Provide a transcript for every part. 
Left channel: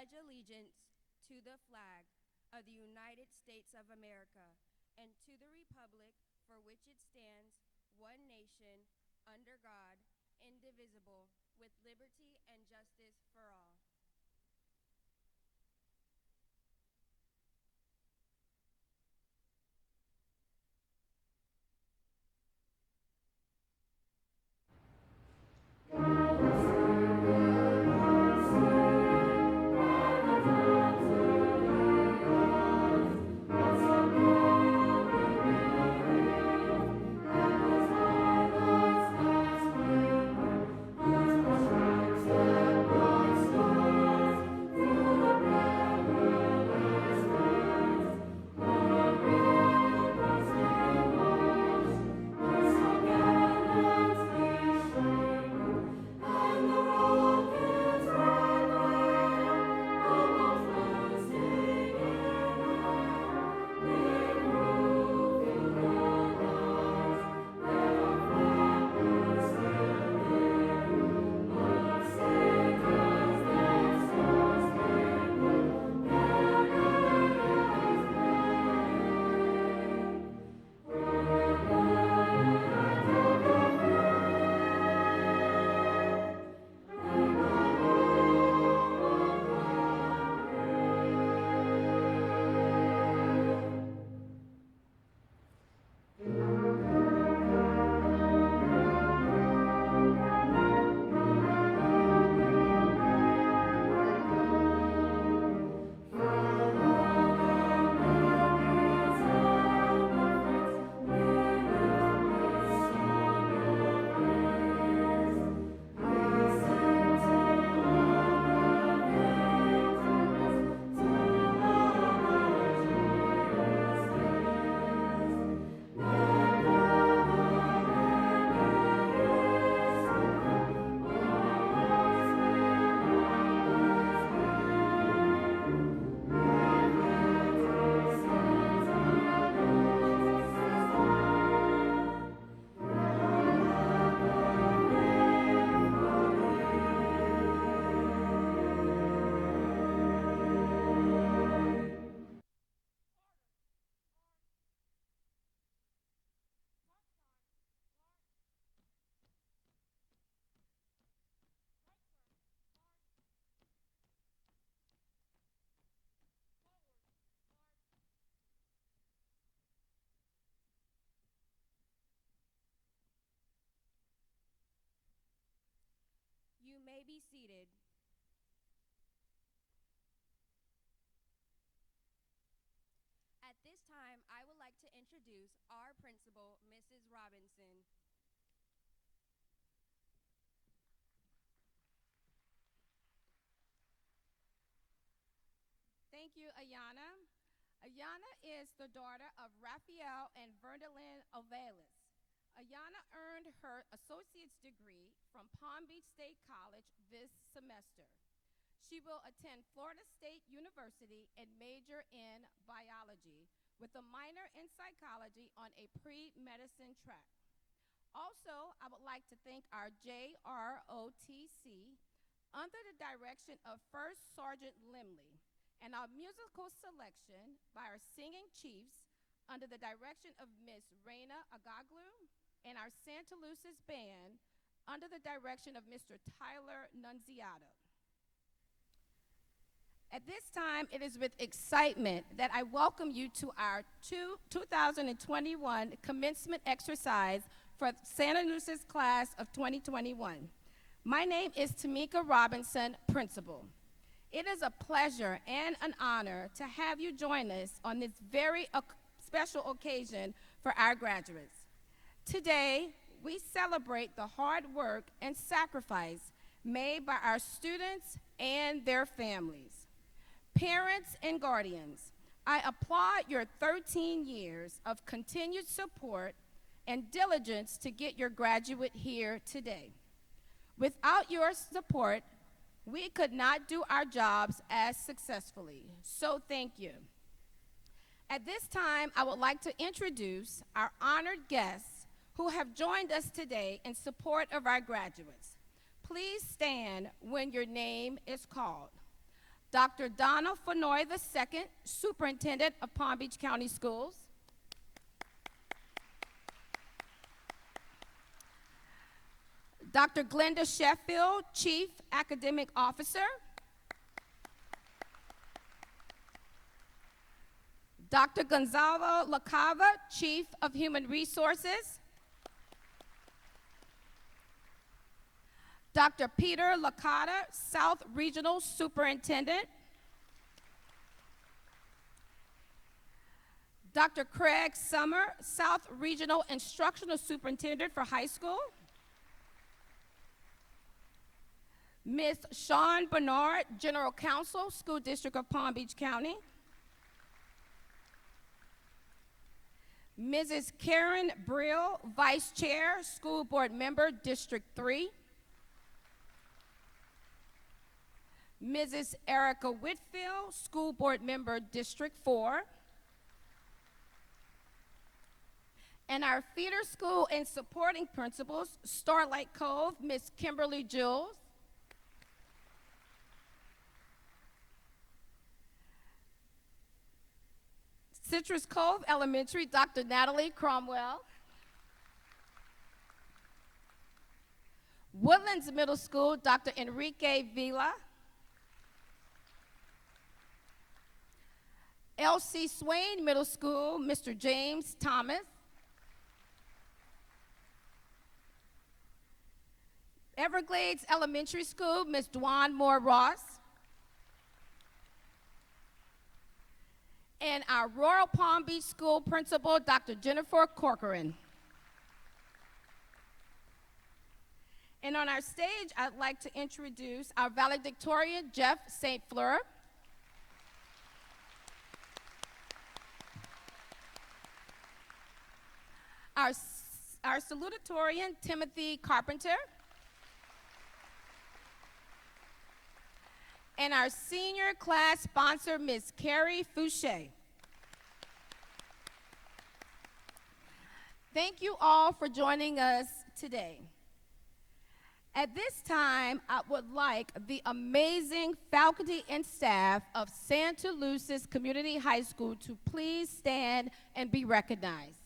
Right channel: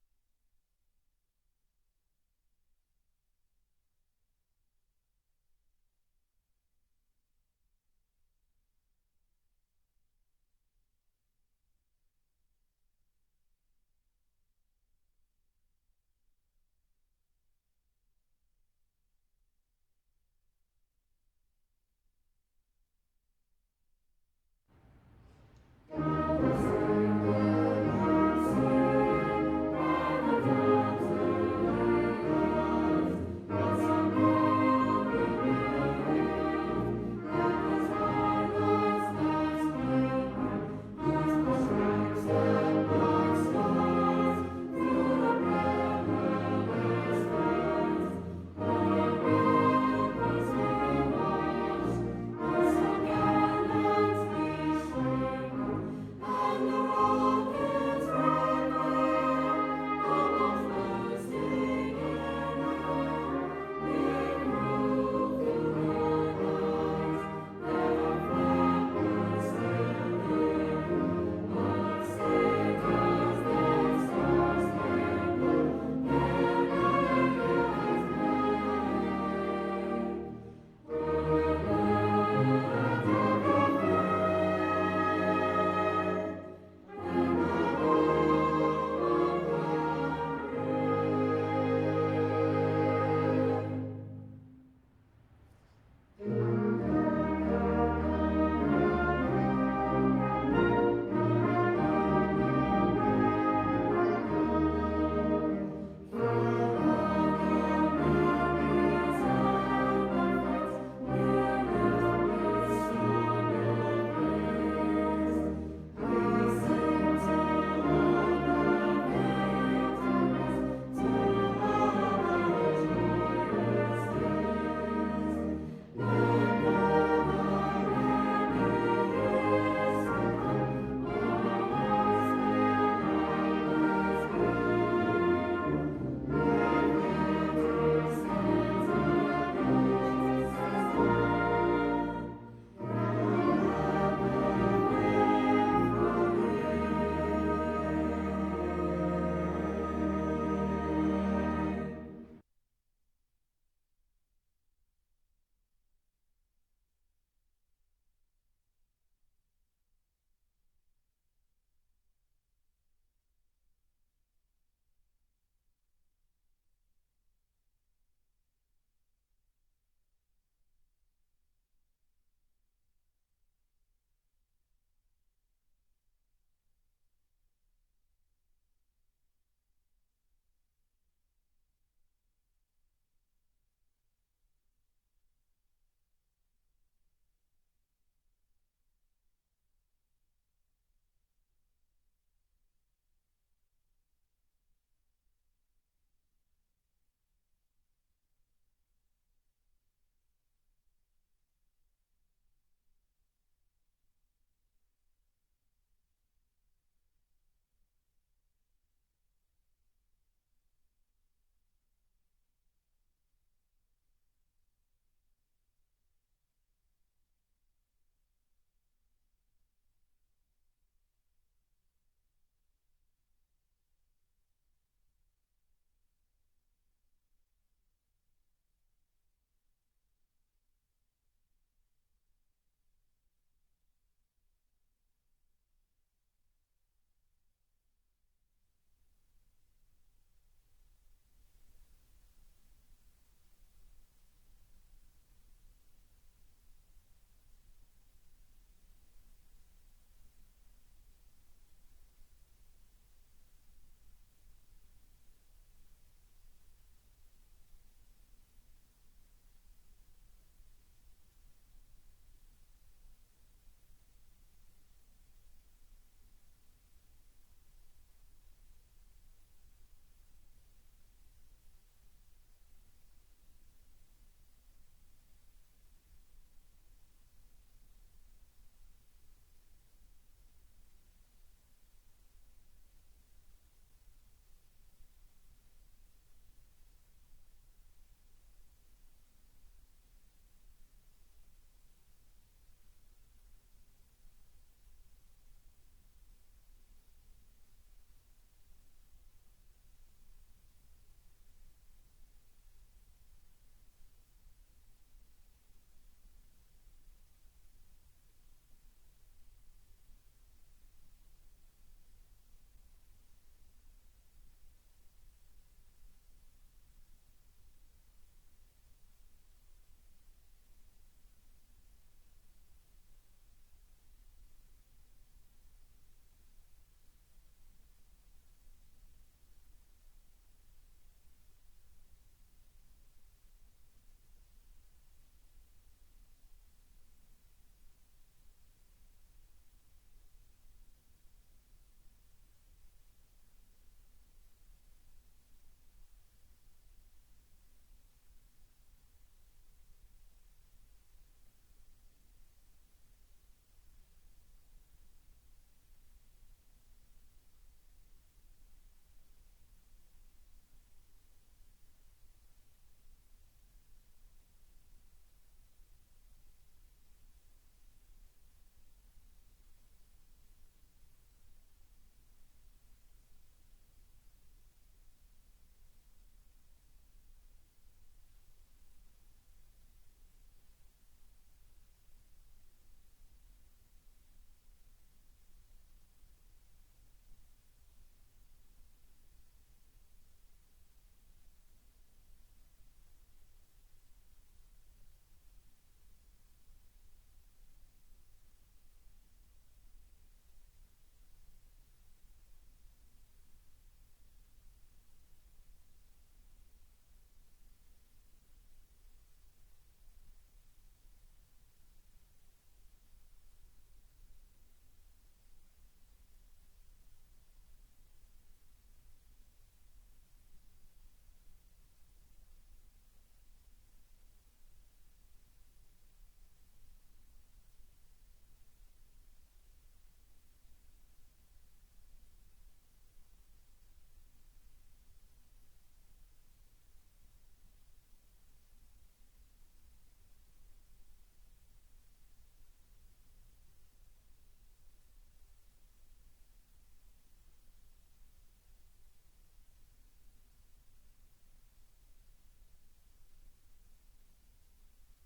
pledge allegiance to the flag of the United States of America and to the republic for which it stands, one nation, under God, indivisible, with liberty and justice for all. You may be seated. At this time, I would like to introduce our principal, Mrs. Robinson. Thank you, Ayana. Ayana is the daughter of Raphael and Verdalyn Ovalis. Ayana earned her associate's degree from Palm Beach State College this semester. She will attend Florida State University and major in biology with a minor in psychology on a pre-medicine track. Also, I would like to thank our JROTC under the direction of First Sergeant Limley and our musical selection by our singing chiefs under the direction of Miss Raina Agaglu and our Santaluces band under the direction of Mr. Tyler Nunziato. At this time, it is with excitement that I welcome you to our 2021 commencement exercise for Santaluces class of 2021. My name is Tamika Robinson, principal. It is a pleasure and an honor to have you join us on this very special occasion for our graduates. Today, we celebrate the hard work and sacrifice made by our students and their families. Parents and guardians, I applaud your 13 years of continued support and diligence to get your graduate here today. Without your support, we could not do our jobs as successfully, so thank you. At this time, I would like to introduce our honored guests who have joined us today in support of our graduates. Please stand when your name is called. Dr. Donna Fenoy II, Superintendent of Palm Beach County Schools. Dr. Glenda Sheffield, Chief Academic Officer. Dr. Gonzalo Lacava, Chief of Human Resources. Dr. Peter Licata, South Regional Superintendent. Dr. Craig Summer, South Regional Instructional Superintendent for High School. Ms. Sean Bernard, General Counsel, School District of Palm Beach County. Mrs. Karen Brill, Vice Chair, School Board Member, District 3. Mrs. Erica Whitfield, School Board Member, District 4. And our feeder school and supporting principals, Starlight Cove, Ms. Kimberly Jules. Citrus Cove Elementary, Dr. Natalie Cromwell. Woodlands Middle School, Dr. Enrique Vila. L.C. Swain Middle School, Mr. James Thomas. Everglades Elementary School, Ms. Dwan Moore Ross. And our Royal Palm Beach School Principal, Dr. Jennifer Corcoran. And on our stage, I'd like to introduce our valedictorian, Jeff St. Fleur. Our salutatorian, Timothy Carpenter. And our senior class sponsor, Ms. Carrie Fouché. Thank you all for joining us today. At this time, I would like the amazing faculty and staff of Santaluces Community High School to please stand and be recognized.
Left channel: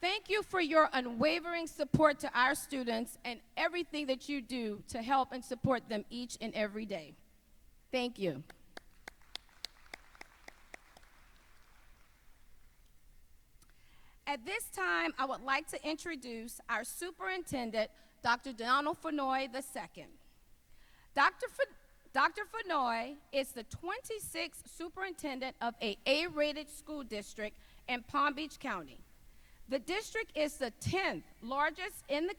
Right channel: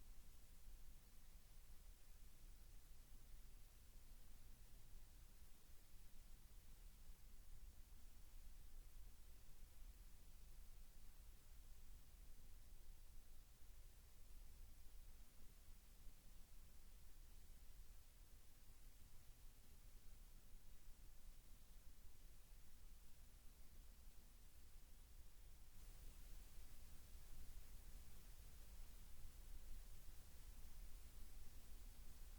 Thank you for your unwavering support to our students and everything that you do to help and support them each and every day. Thank you. At this time, I would like to introduce our superintendent, Dr. Donald Fenoy II. Dr. Fenoy is the 26th superintendent of a A-rated school district in Palm Beach County. The district is the 10th largest in the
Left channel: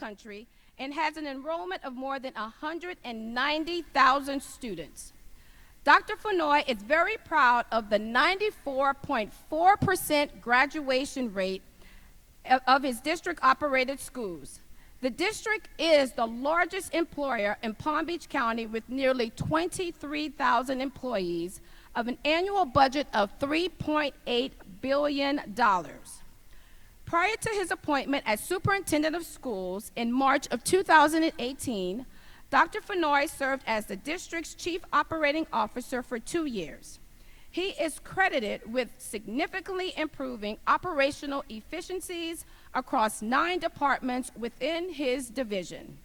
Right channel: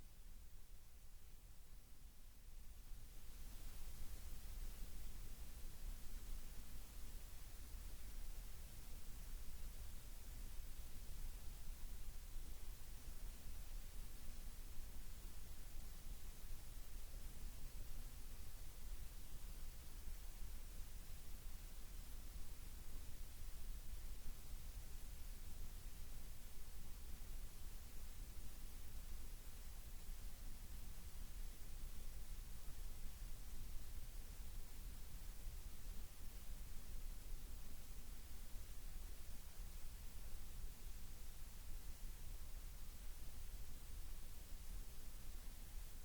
country and has an enrollment of more than 190,000 students. Dr. Fenoy is very proud of the 94.4% graduation rate of his district-operated schools. The district is the largest employer in Palm Beach County with nearly 23,000 employees of an annual budget of $3.8 billion. Prior to his appointment as superintendent of schools in March of 2018, Dr. Fenoy served as the district's chief operating officer for 2 years. He is credited with significantly improving operational efficiencies across 9 departments within his division.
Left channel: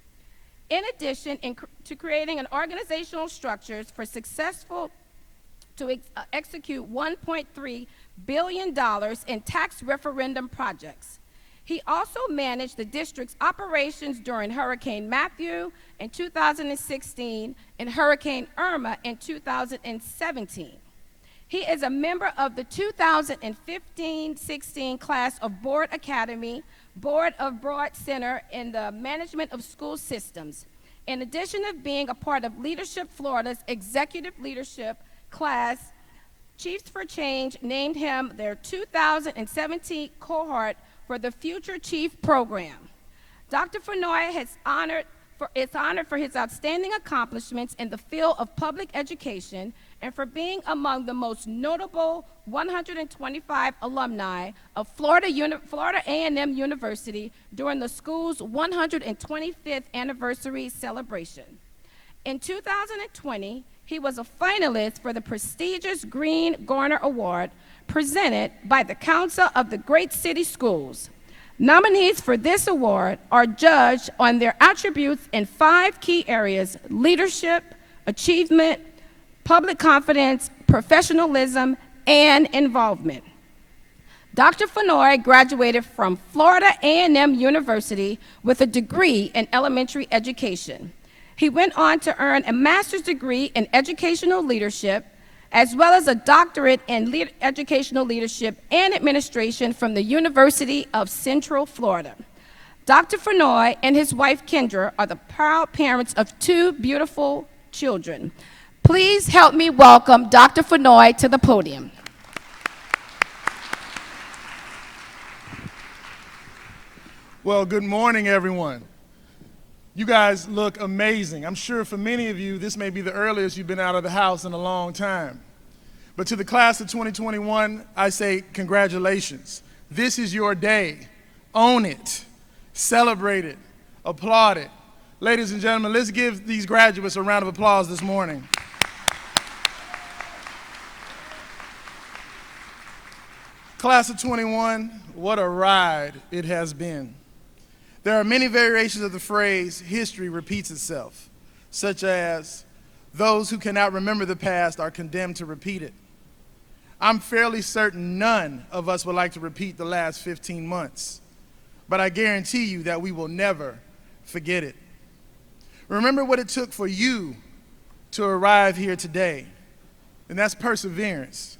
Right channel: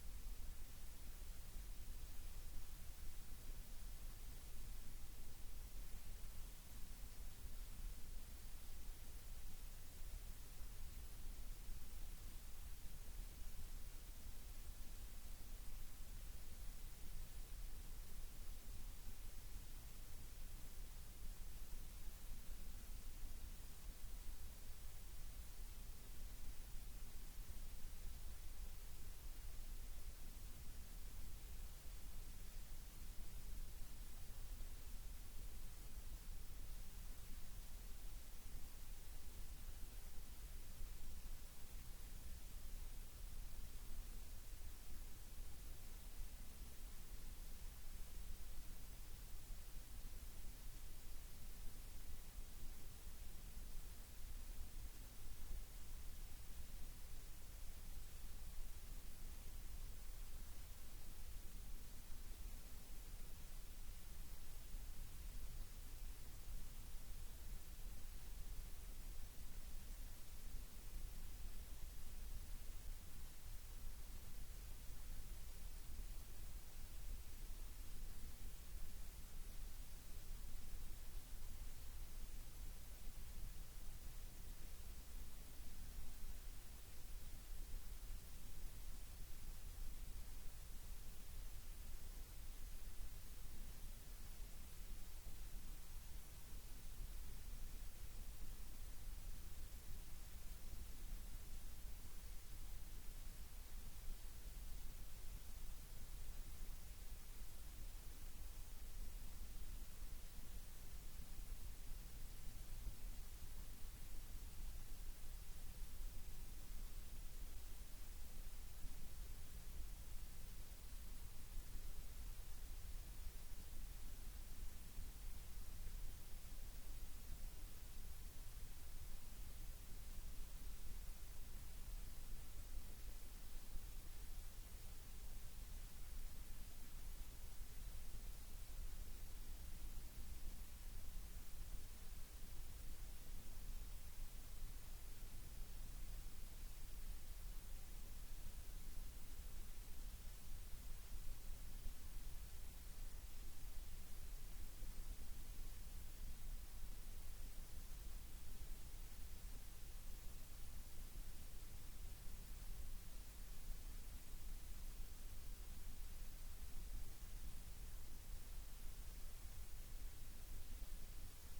In addition to creating an organizational structures for successful to execute $1.3 billion in tax referendum projects. He also managed the district's operations during Hurricane Matthew in 2016 and Hurricane Irma in 2017. He is a member of the 2015-16 class of Board Academy, Board of Broad Center in the Management of School Systems. In addition to being a part of Leadership Florida's Executive Leadership class, Chiefs for Change named him their 2017 cohort for the Future Chief program. Dr. Fenoy has Is honored for his outstanding accomplishments in the field of public education and for being among the most notable 125 alumni of Florida A&M University during the school's 125th anniversary celebration. In 2020, he was a finalist for the prestigious Green Garner Award presented by the Council of the Great City Schools. Nominees for this award are judged on their attributes in 5 key areas: leadership, achievement, public confidence, professionalism, and involvement. Dr. Fenoy graduated from Florida A&M University with a degree in elementary education. He went on to earn a master's degree in educational leadership, as well as a doctorate in educational leadership and administration from the University of Central Florida. Dr. Fenoy and his wife Kendra are the proud parents of 2 beautiful children. Please help me welcome Dr. Fenoy to the podium. Well, good morning, everyone. You guys look amazing. I'm sure for many of you, this may be the earliest you've been out of the house in a long time. But to the class of 2021, I say congratulations. This is your day. Own it. Celebrate it. Applaud it. Ladies and gentlemen, let's give these graduates a round of applause this morning. Class of 21, what a ride it has been. There are many variations of the phrase, history repeats itself, such as, those who cannot remember the past are condemned to repeat it. I'm fairly certain none of us would like to repeat the last 15 months, but I guarantee you that we will never forget it. Remember what it took for you to arrive here today, and that's perseverance.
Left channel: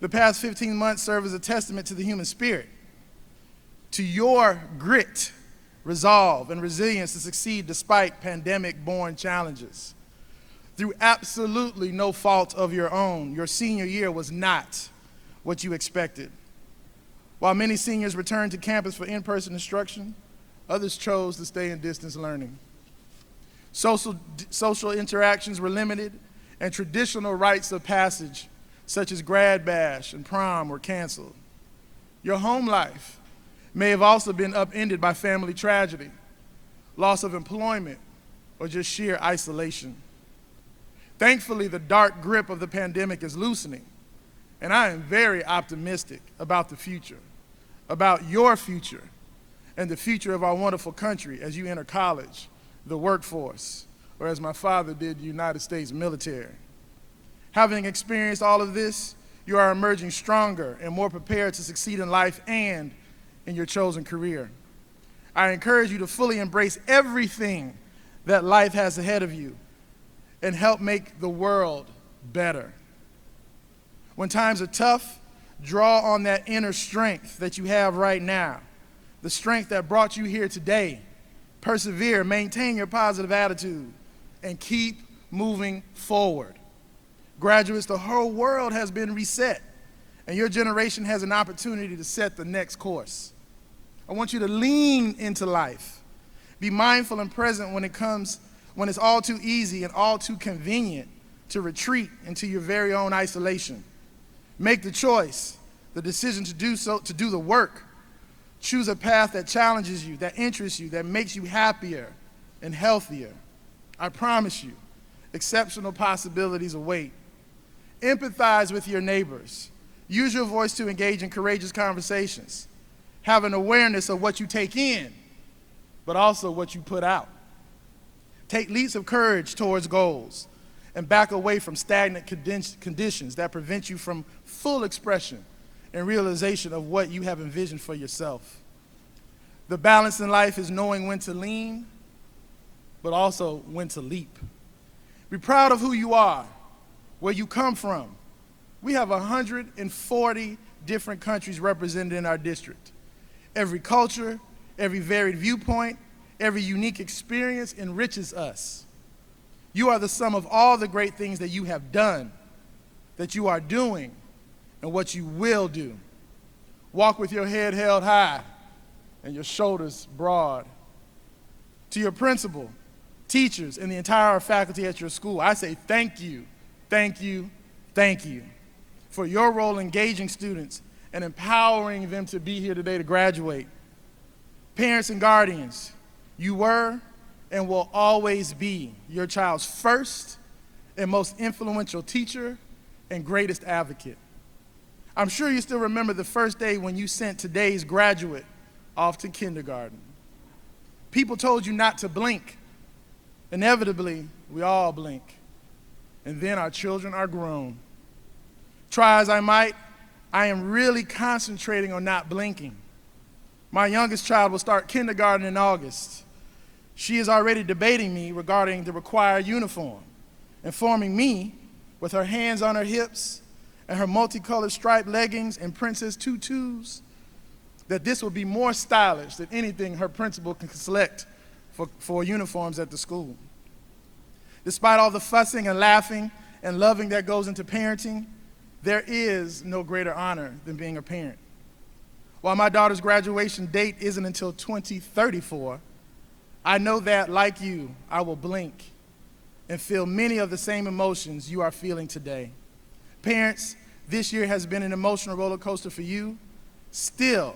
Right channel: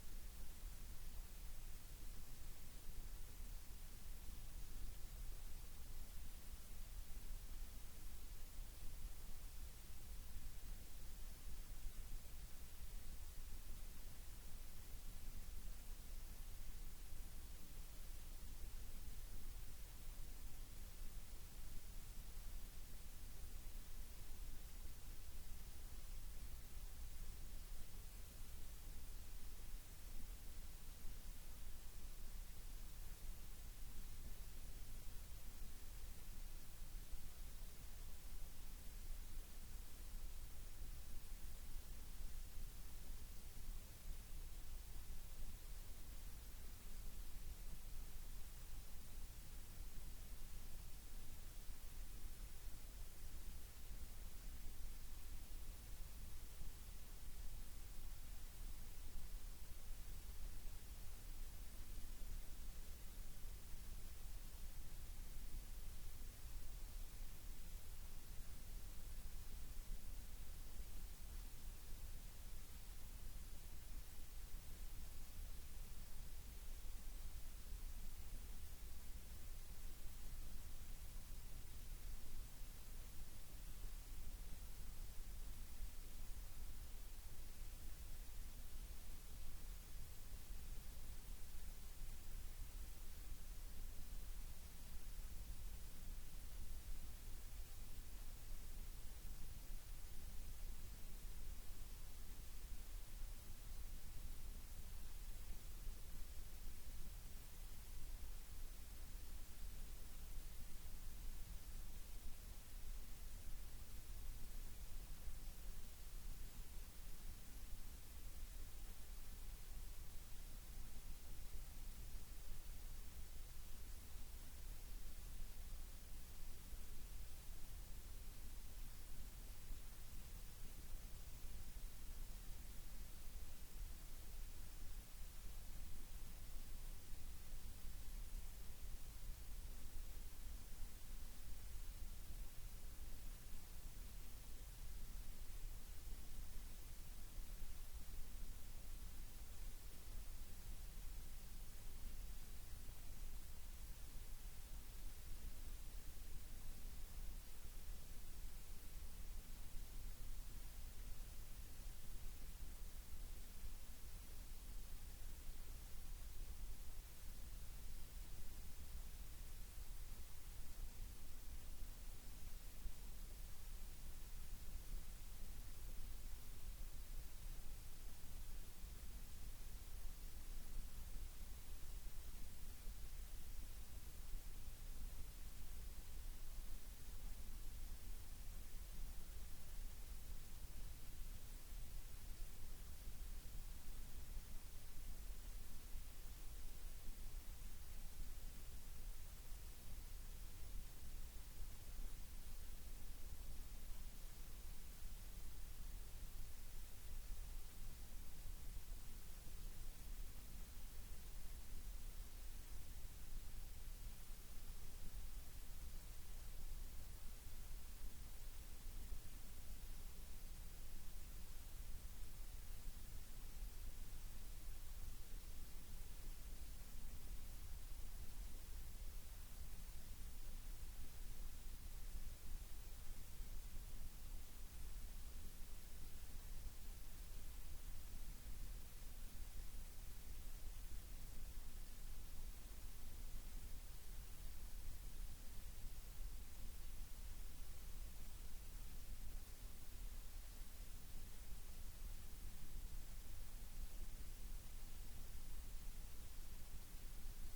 The past 15 months serve as a testament to the human spirit, to your grit, resolve, and resilience to succeed despite pandemic-born challenges. Through absolutely no fault of your own, your senior year was not what you expected. While many seniors returned to campus for in-person instruction, others chose to stay in distance learning. Social interactions were limited, and traditional rites of passage, such as grad bash and prom, were canceled. Your home life may have also been upended by family tragedy, loss of employment, or just sheer isolation. Thankfully, the dark grip of the pandemic is loosening, and I am very optimistic about the future, about your future, and the future of our wonderful country as you enter college, the workforce, or as my father did, the United States military. Having experienced all of this, you are emerging stronger and more prepared to succeed in life and in your chosen career. I encourage you to fully embrace everything that life has ahead of you and help make the world better. When times are tough, draw on that inner strength that you have right now, the strength that brought you here today. Persevere, maintain your positive attitude, and keep moving forward. Graduates, the whole world has been reset, and your generation has an opportunity to set the next course. I want you to lean into life. Be mindful and present when it's all too easy and all too convenient to retreat into your very own isolation. Make the choice, the decision to do so, to do the work. Choose a path that challenges you, that interests you, that makes you happier and healthier. I promise you, exceptional possibilities await. Empathize with your neighbors. Use your voice to engage in courageous conversations. Have an awareness of what you take in, but also what you put out. Take leaps of courage towards goals and back away from stagnant conditions that prevent you from full expression and realization of what you have envisioned for yourself. The balance in life is knowing when to lean, but also when to leap. Be proud of who you are, where you come from. We have 140 different countries represented in our district. Every culture, every varied viewpoint, every unique experience enriches us. You are the sum of all the great things that you have done, that you are doing, and what you will do. Walk with your head held high and your shoulders broad. To your principal, teachers, and the entire faculty at your school, I say thank you, thank you, thank you for your role engaging students and empowering them to be here today to graduate. Parents and guardians, you were and will always be your child's first and most influential teacher and greatest advocate. I'm sure you still remember the first day when you sent today's graduate off to kindergarten. People told you not to blink. Inevitably, we all blink. And then our children are grown. Try as I might, I am really concentrating on not blinking. My youngest child will start kindergarten in August. She is already debating me regarding the required uniform, informing me with her hands on her hips and her multicolored striped leggings and princess tutus that this will be more stylish than anything her principal can select for uniforms at the school. Despite all the fussing and laughing and loving that goes into parenting, there is no greater honor than being a parent. While my daughter's graduation date isn't until 2034, I know that, like you, I will blink and feel many of the same emotions you are feeling today. Parents, this year has been an emotional roller coaster for you. Still,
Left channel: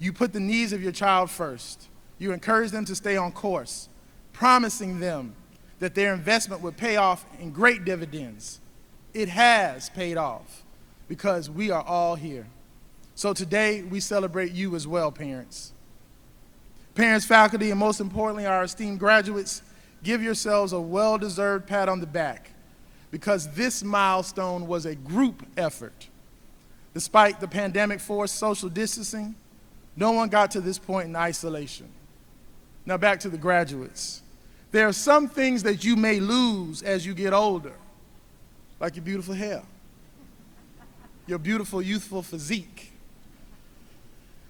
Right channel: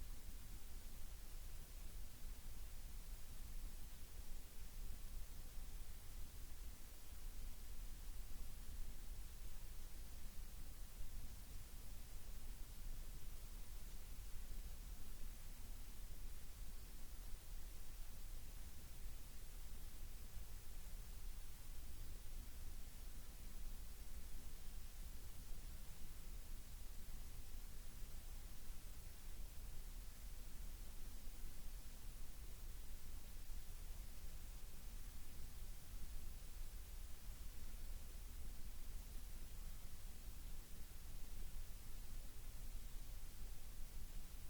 you put the needs of your child first. You encourage them to stay on course, promising them that their investment would pay off in great dividends. It has paid off because we are all here. So today, we celebrate you as well, parents. Parents, faculty, and most importantly, our esteemed graduates, give yourselves a well-deserved pat on the back because this milestone was a group effort. Despite the pandemic-forced social distancing, no one got to this point in isolation. Now back to the graduates. There are some things that you may lose as you get older, like your beautiful hair, your beautiful youthful physique.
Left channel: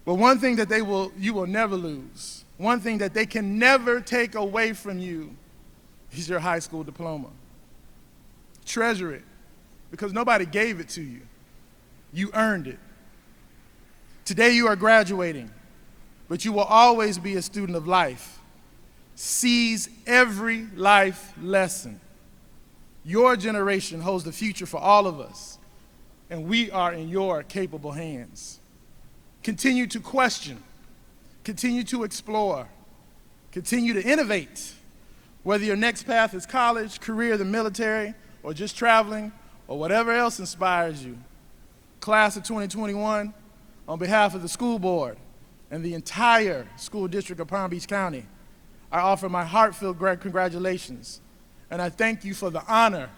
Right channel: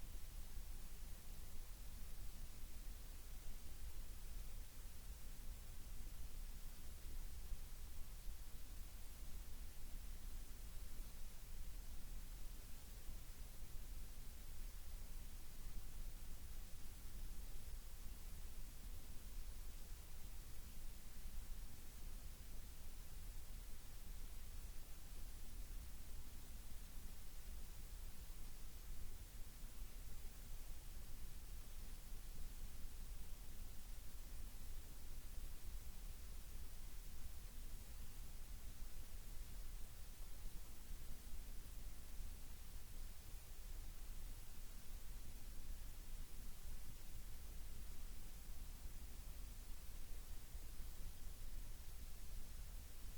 But one thing that you will never lose, one thing that they can never take away from you is your high school diploma. Treasure it, because nobody gave it to you. You earned it. Today you are graduating, but you will always be a student of life. Seize every life lesson. Your generation holds the future for all of us, and we are in your capable hands. Continue to question, continue to explore, continue to innovate. Whether your next path is college, career, the military, or just traveling, or whatever else inspires you. Class of 2021, on behalf of the school board and the entire school district of Palm Beach County, I offer my heartfelt congratulations, and I thank you for the honor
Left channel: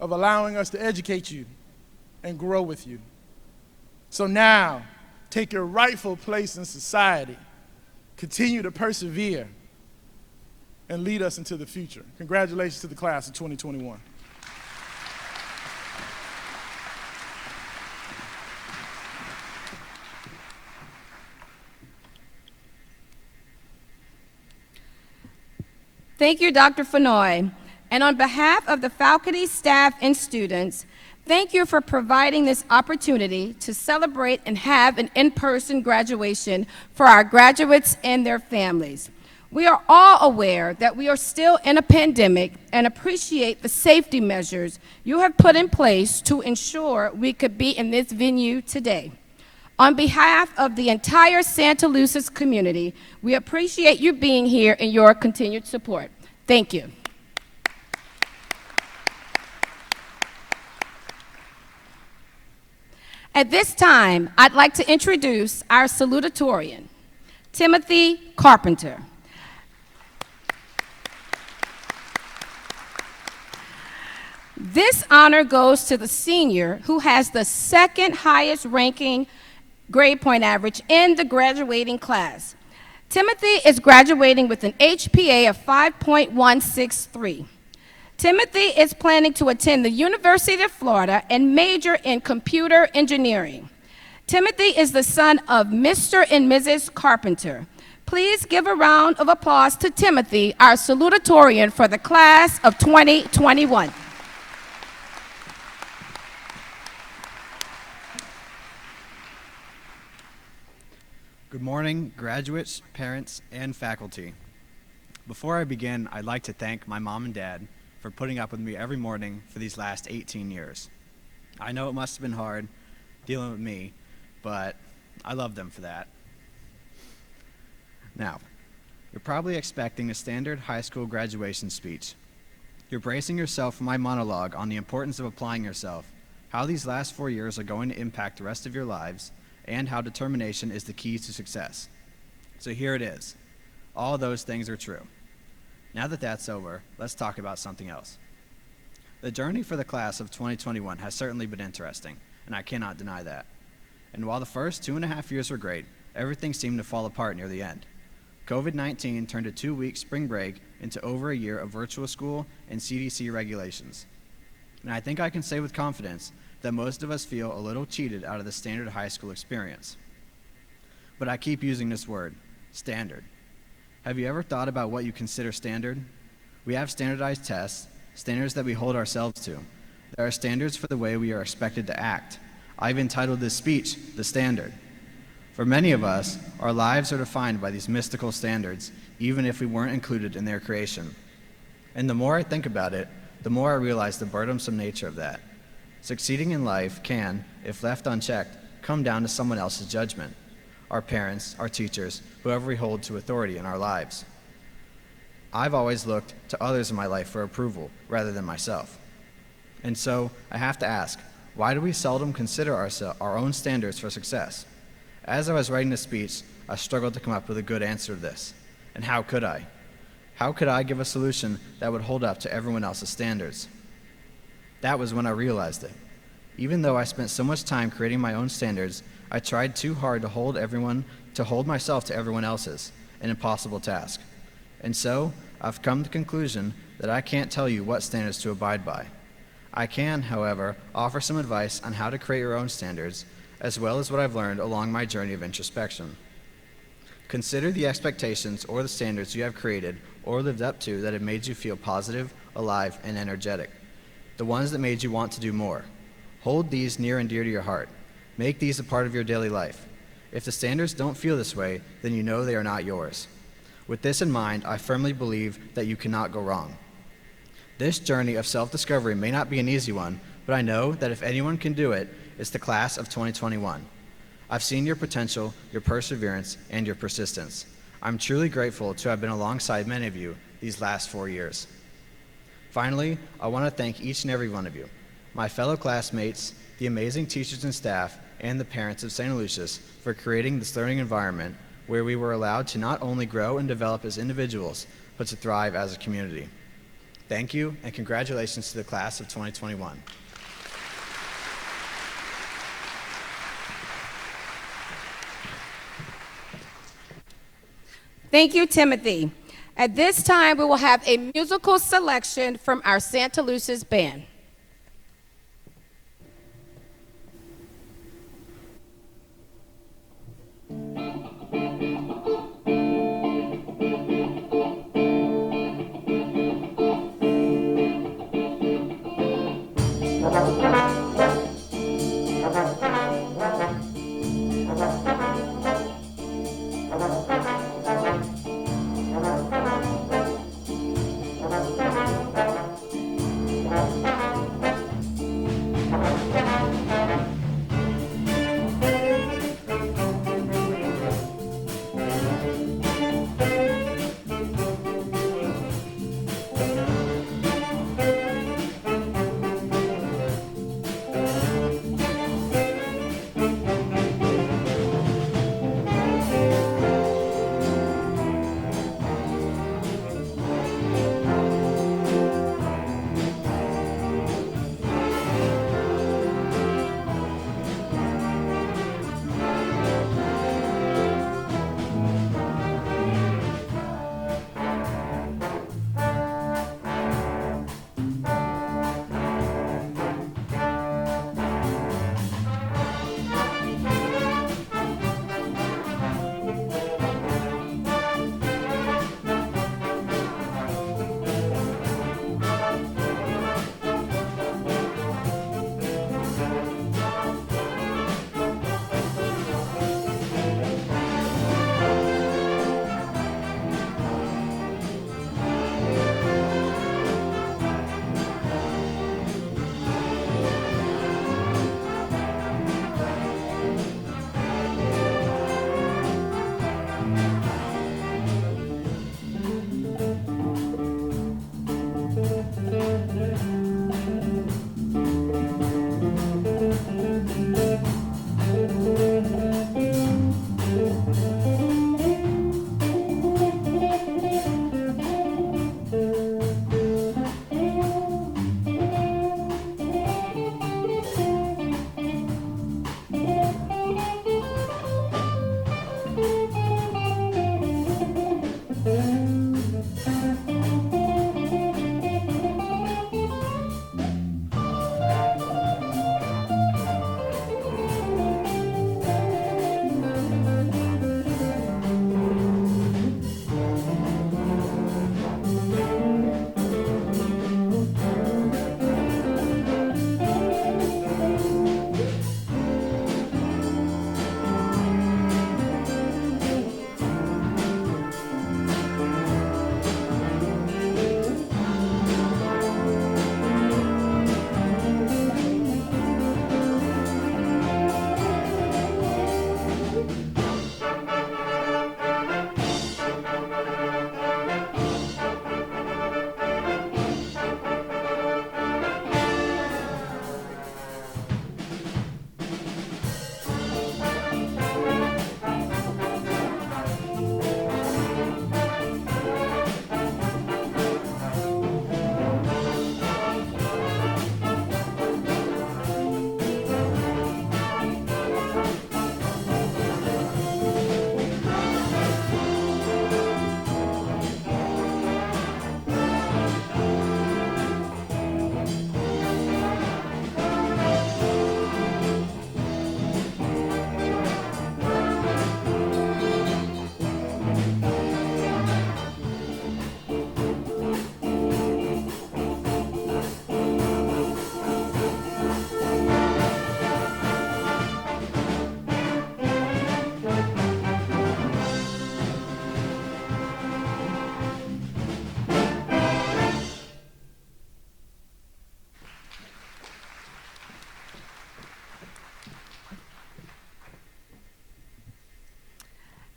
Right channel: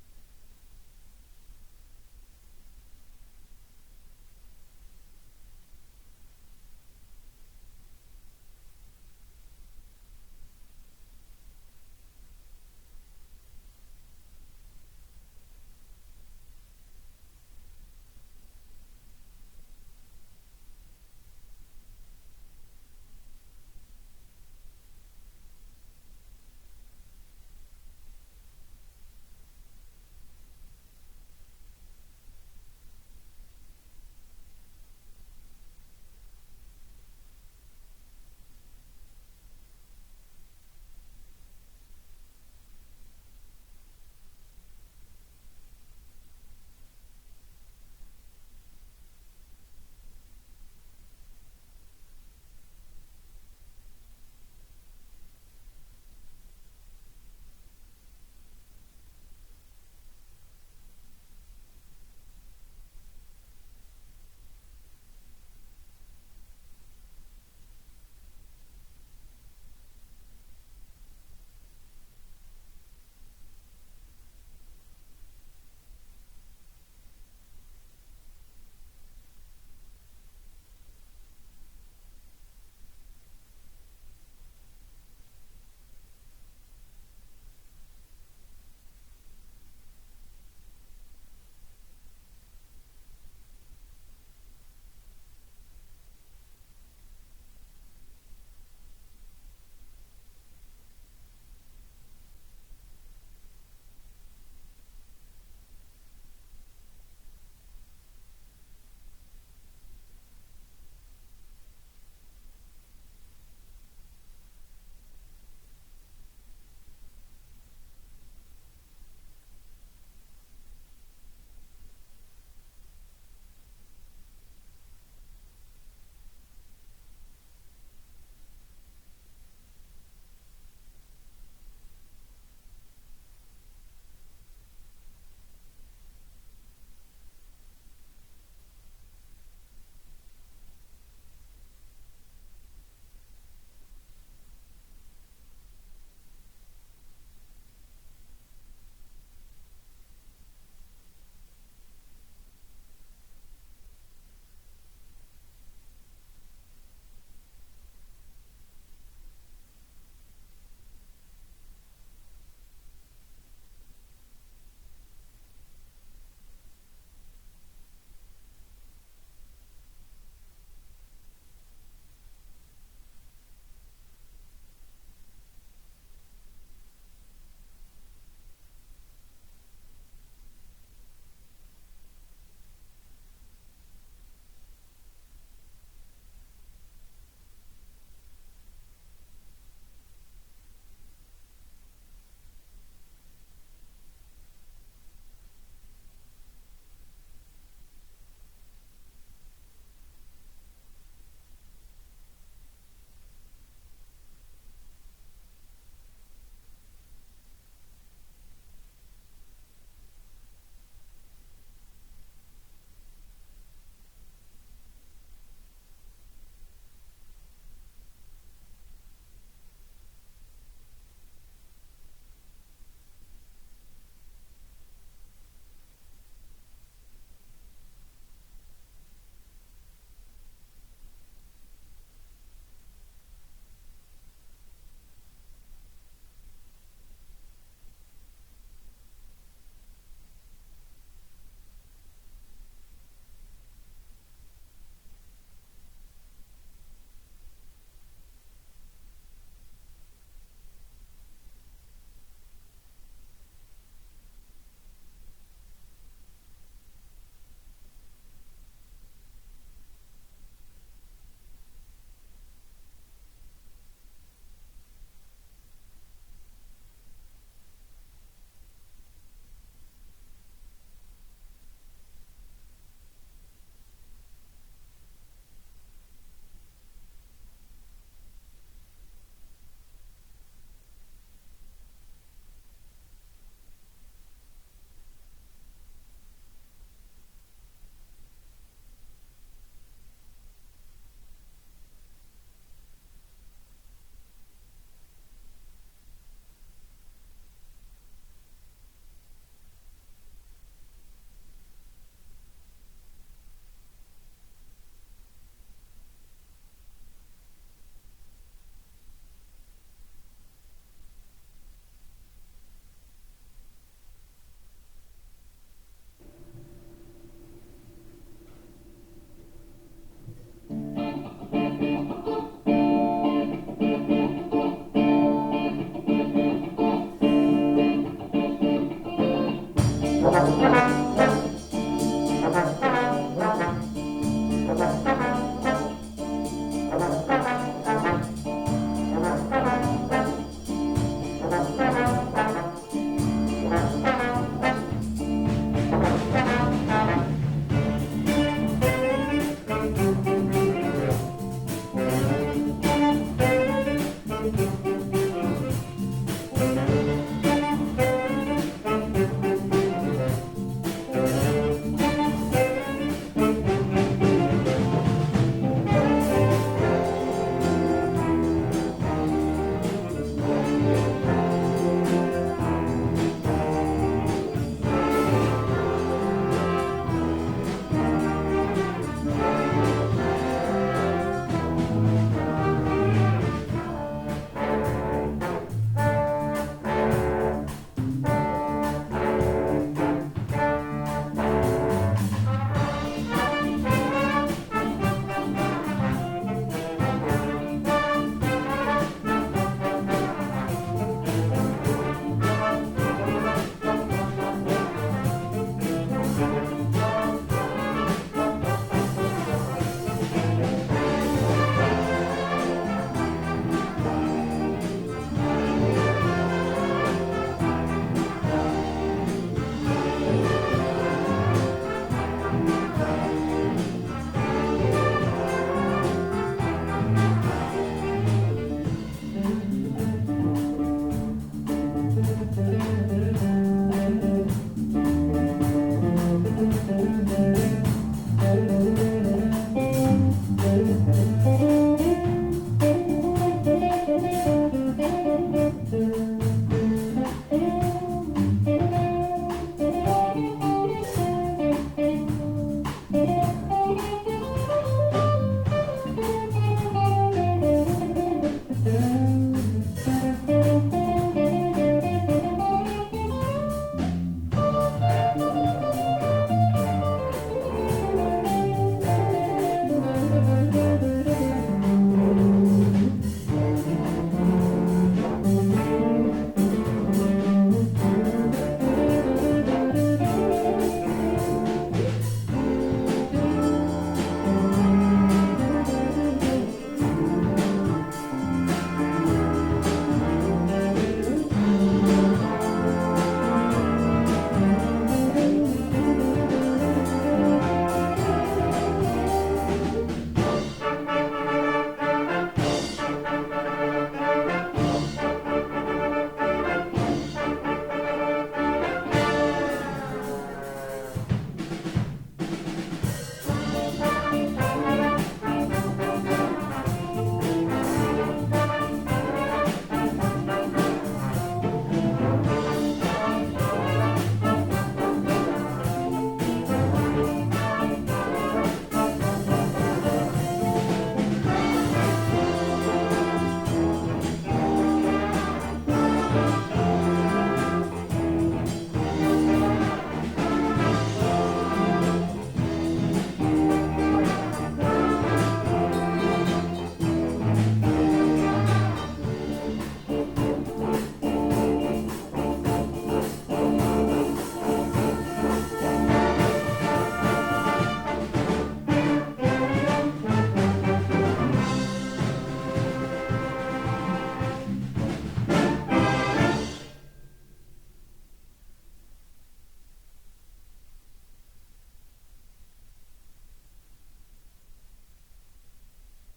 of allowing us to educate you and grow with you. So now, take your rightful place in society, continue to persevere, and lead us into the future. Congratulations to the class of 2021. Thank you, Dr. Fenoy. And on behalf of the faculty, staff, and students, thank you for providing this opportunity to celebrate and have an in-person graduation for our graduates and their families. We are all aware that we are still in a pandemic and appreciate the safety measures you have put in place to ensure we could be in this venue today. On behalf of the entire Santaluces community, we appreciate you being here and your continued support. Thank you. At this time, I'd like to introduce our salutatorian, Timothy Carpenter. This honor goes to the senior who has the second highest ranking grade point average in the graduating class. Timothy is graduating with an HPA of 5.163. Timothy is planning to attend the University of Florida and major in computer engineering. Timothy is the son of Mr. and Mrs. Carpenter. Please give a round of applause to Timothy, our salutatorian for the class of 2021. Good morning, graduates, parents, and faculty. Before I begin, I'd like to thank my mom and dad for putting up with me every morning for these last 18 years. I know it must have been hard dealing with me, but I love them for that. Now, you're probably expecting a standard high school graduation speech. You're bracing yourself for my monologue on the importance of applying yourself, how these last 4 years are going to impact the rest of your lives, and how determination is the key to success. So here it is. All those things are true. Now that that's over, let's talk about something else. The journey for the class of 2021 has certainly been interesting, and I cannot deny that. And while the first 2.5 years were great, everything seemed to fall apart near the end. COVID-19 turned a 2-week spring break into over a year of virtual school and CDC regulations. And I think I can say with confidence that most of us feel a little cheated out of the standard high school experience. But I keep using this word, standard. Have you ever thought about what you consider standard? We have standardized tests, standards that we hold ourselves to. There are standards for the way we are expected to act. I've entitled this speech, The Standard. For many of us, our lives are defined by these mystical standards, even if we weren't included in their creation. And the more I think about it, the more I realize the burdensome nature of that. Succeeding in life can, if left unchecked, come down to someone else's judgment. Our parents, our teachers, whoever we hold to authority in our lives. I've always looked to others in my life for approval rather than myself. And so I have to ask, why do we seldom consider our own standards for success? As I was writing this speech, I struggled to come up with a good answer to this. And how could I? How could I give a solution that would hold up to everyone else's standards? That was when I realized it. Even though I spent so much time creating my own standards, I tried too hard to hold myself to everyone else's, an impossible task. And so, I've come to the conclusion that I can't tell you what standards to abide by. I can, however, offer some advice on how to create your own standards, as well as what I've learned along my journey of introspection. Consider the expectations or the standards you have created or lived up to that have made you feel positive, alive, and energetic. The ones that made you want to do more. Hold these near and dear to your heart. Make these a part of your daily life. If the standards don't feel this way, then you know they are not yours. With this in mind, I firmly believe that you cannot go wrong. This journey of self-discovery may not be an easy one, but I know that if anyone can do it, it's the class of 2021. I've seen your potential, your perseverance, and your persistence. I'm truly grateful to have been alongside many of you these last 4 years. Finally, I want to thank each and every one of you, my fellow classmates, the amazing teachers and staff, and the parents of Santaluces for creating this learning environment where we were allowed to not only grow and develop as individuals, but to thrive as a community. Thank you, and congratulations to the class of 2021. Thank you, Timothy. At this time, we will have a musical selection from our Santaluces band.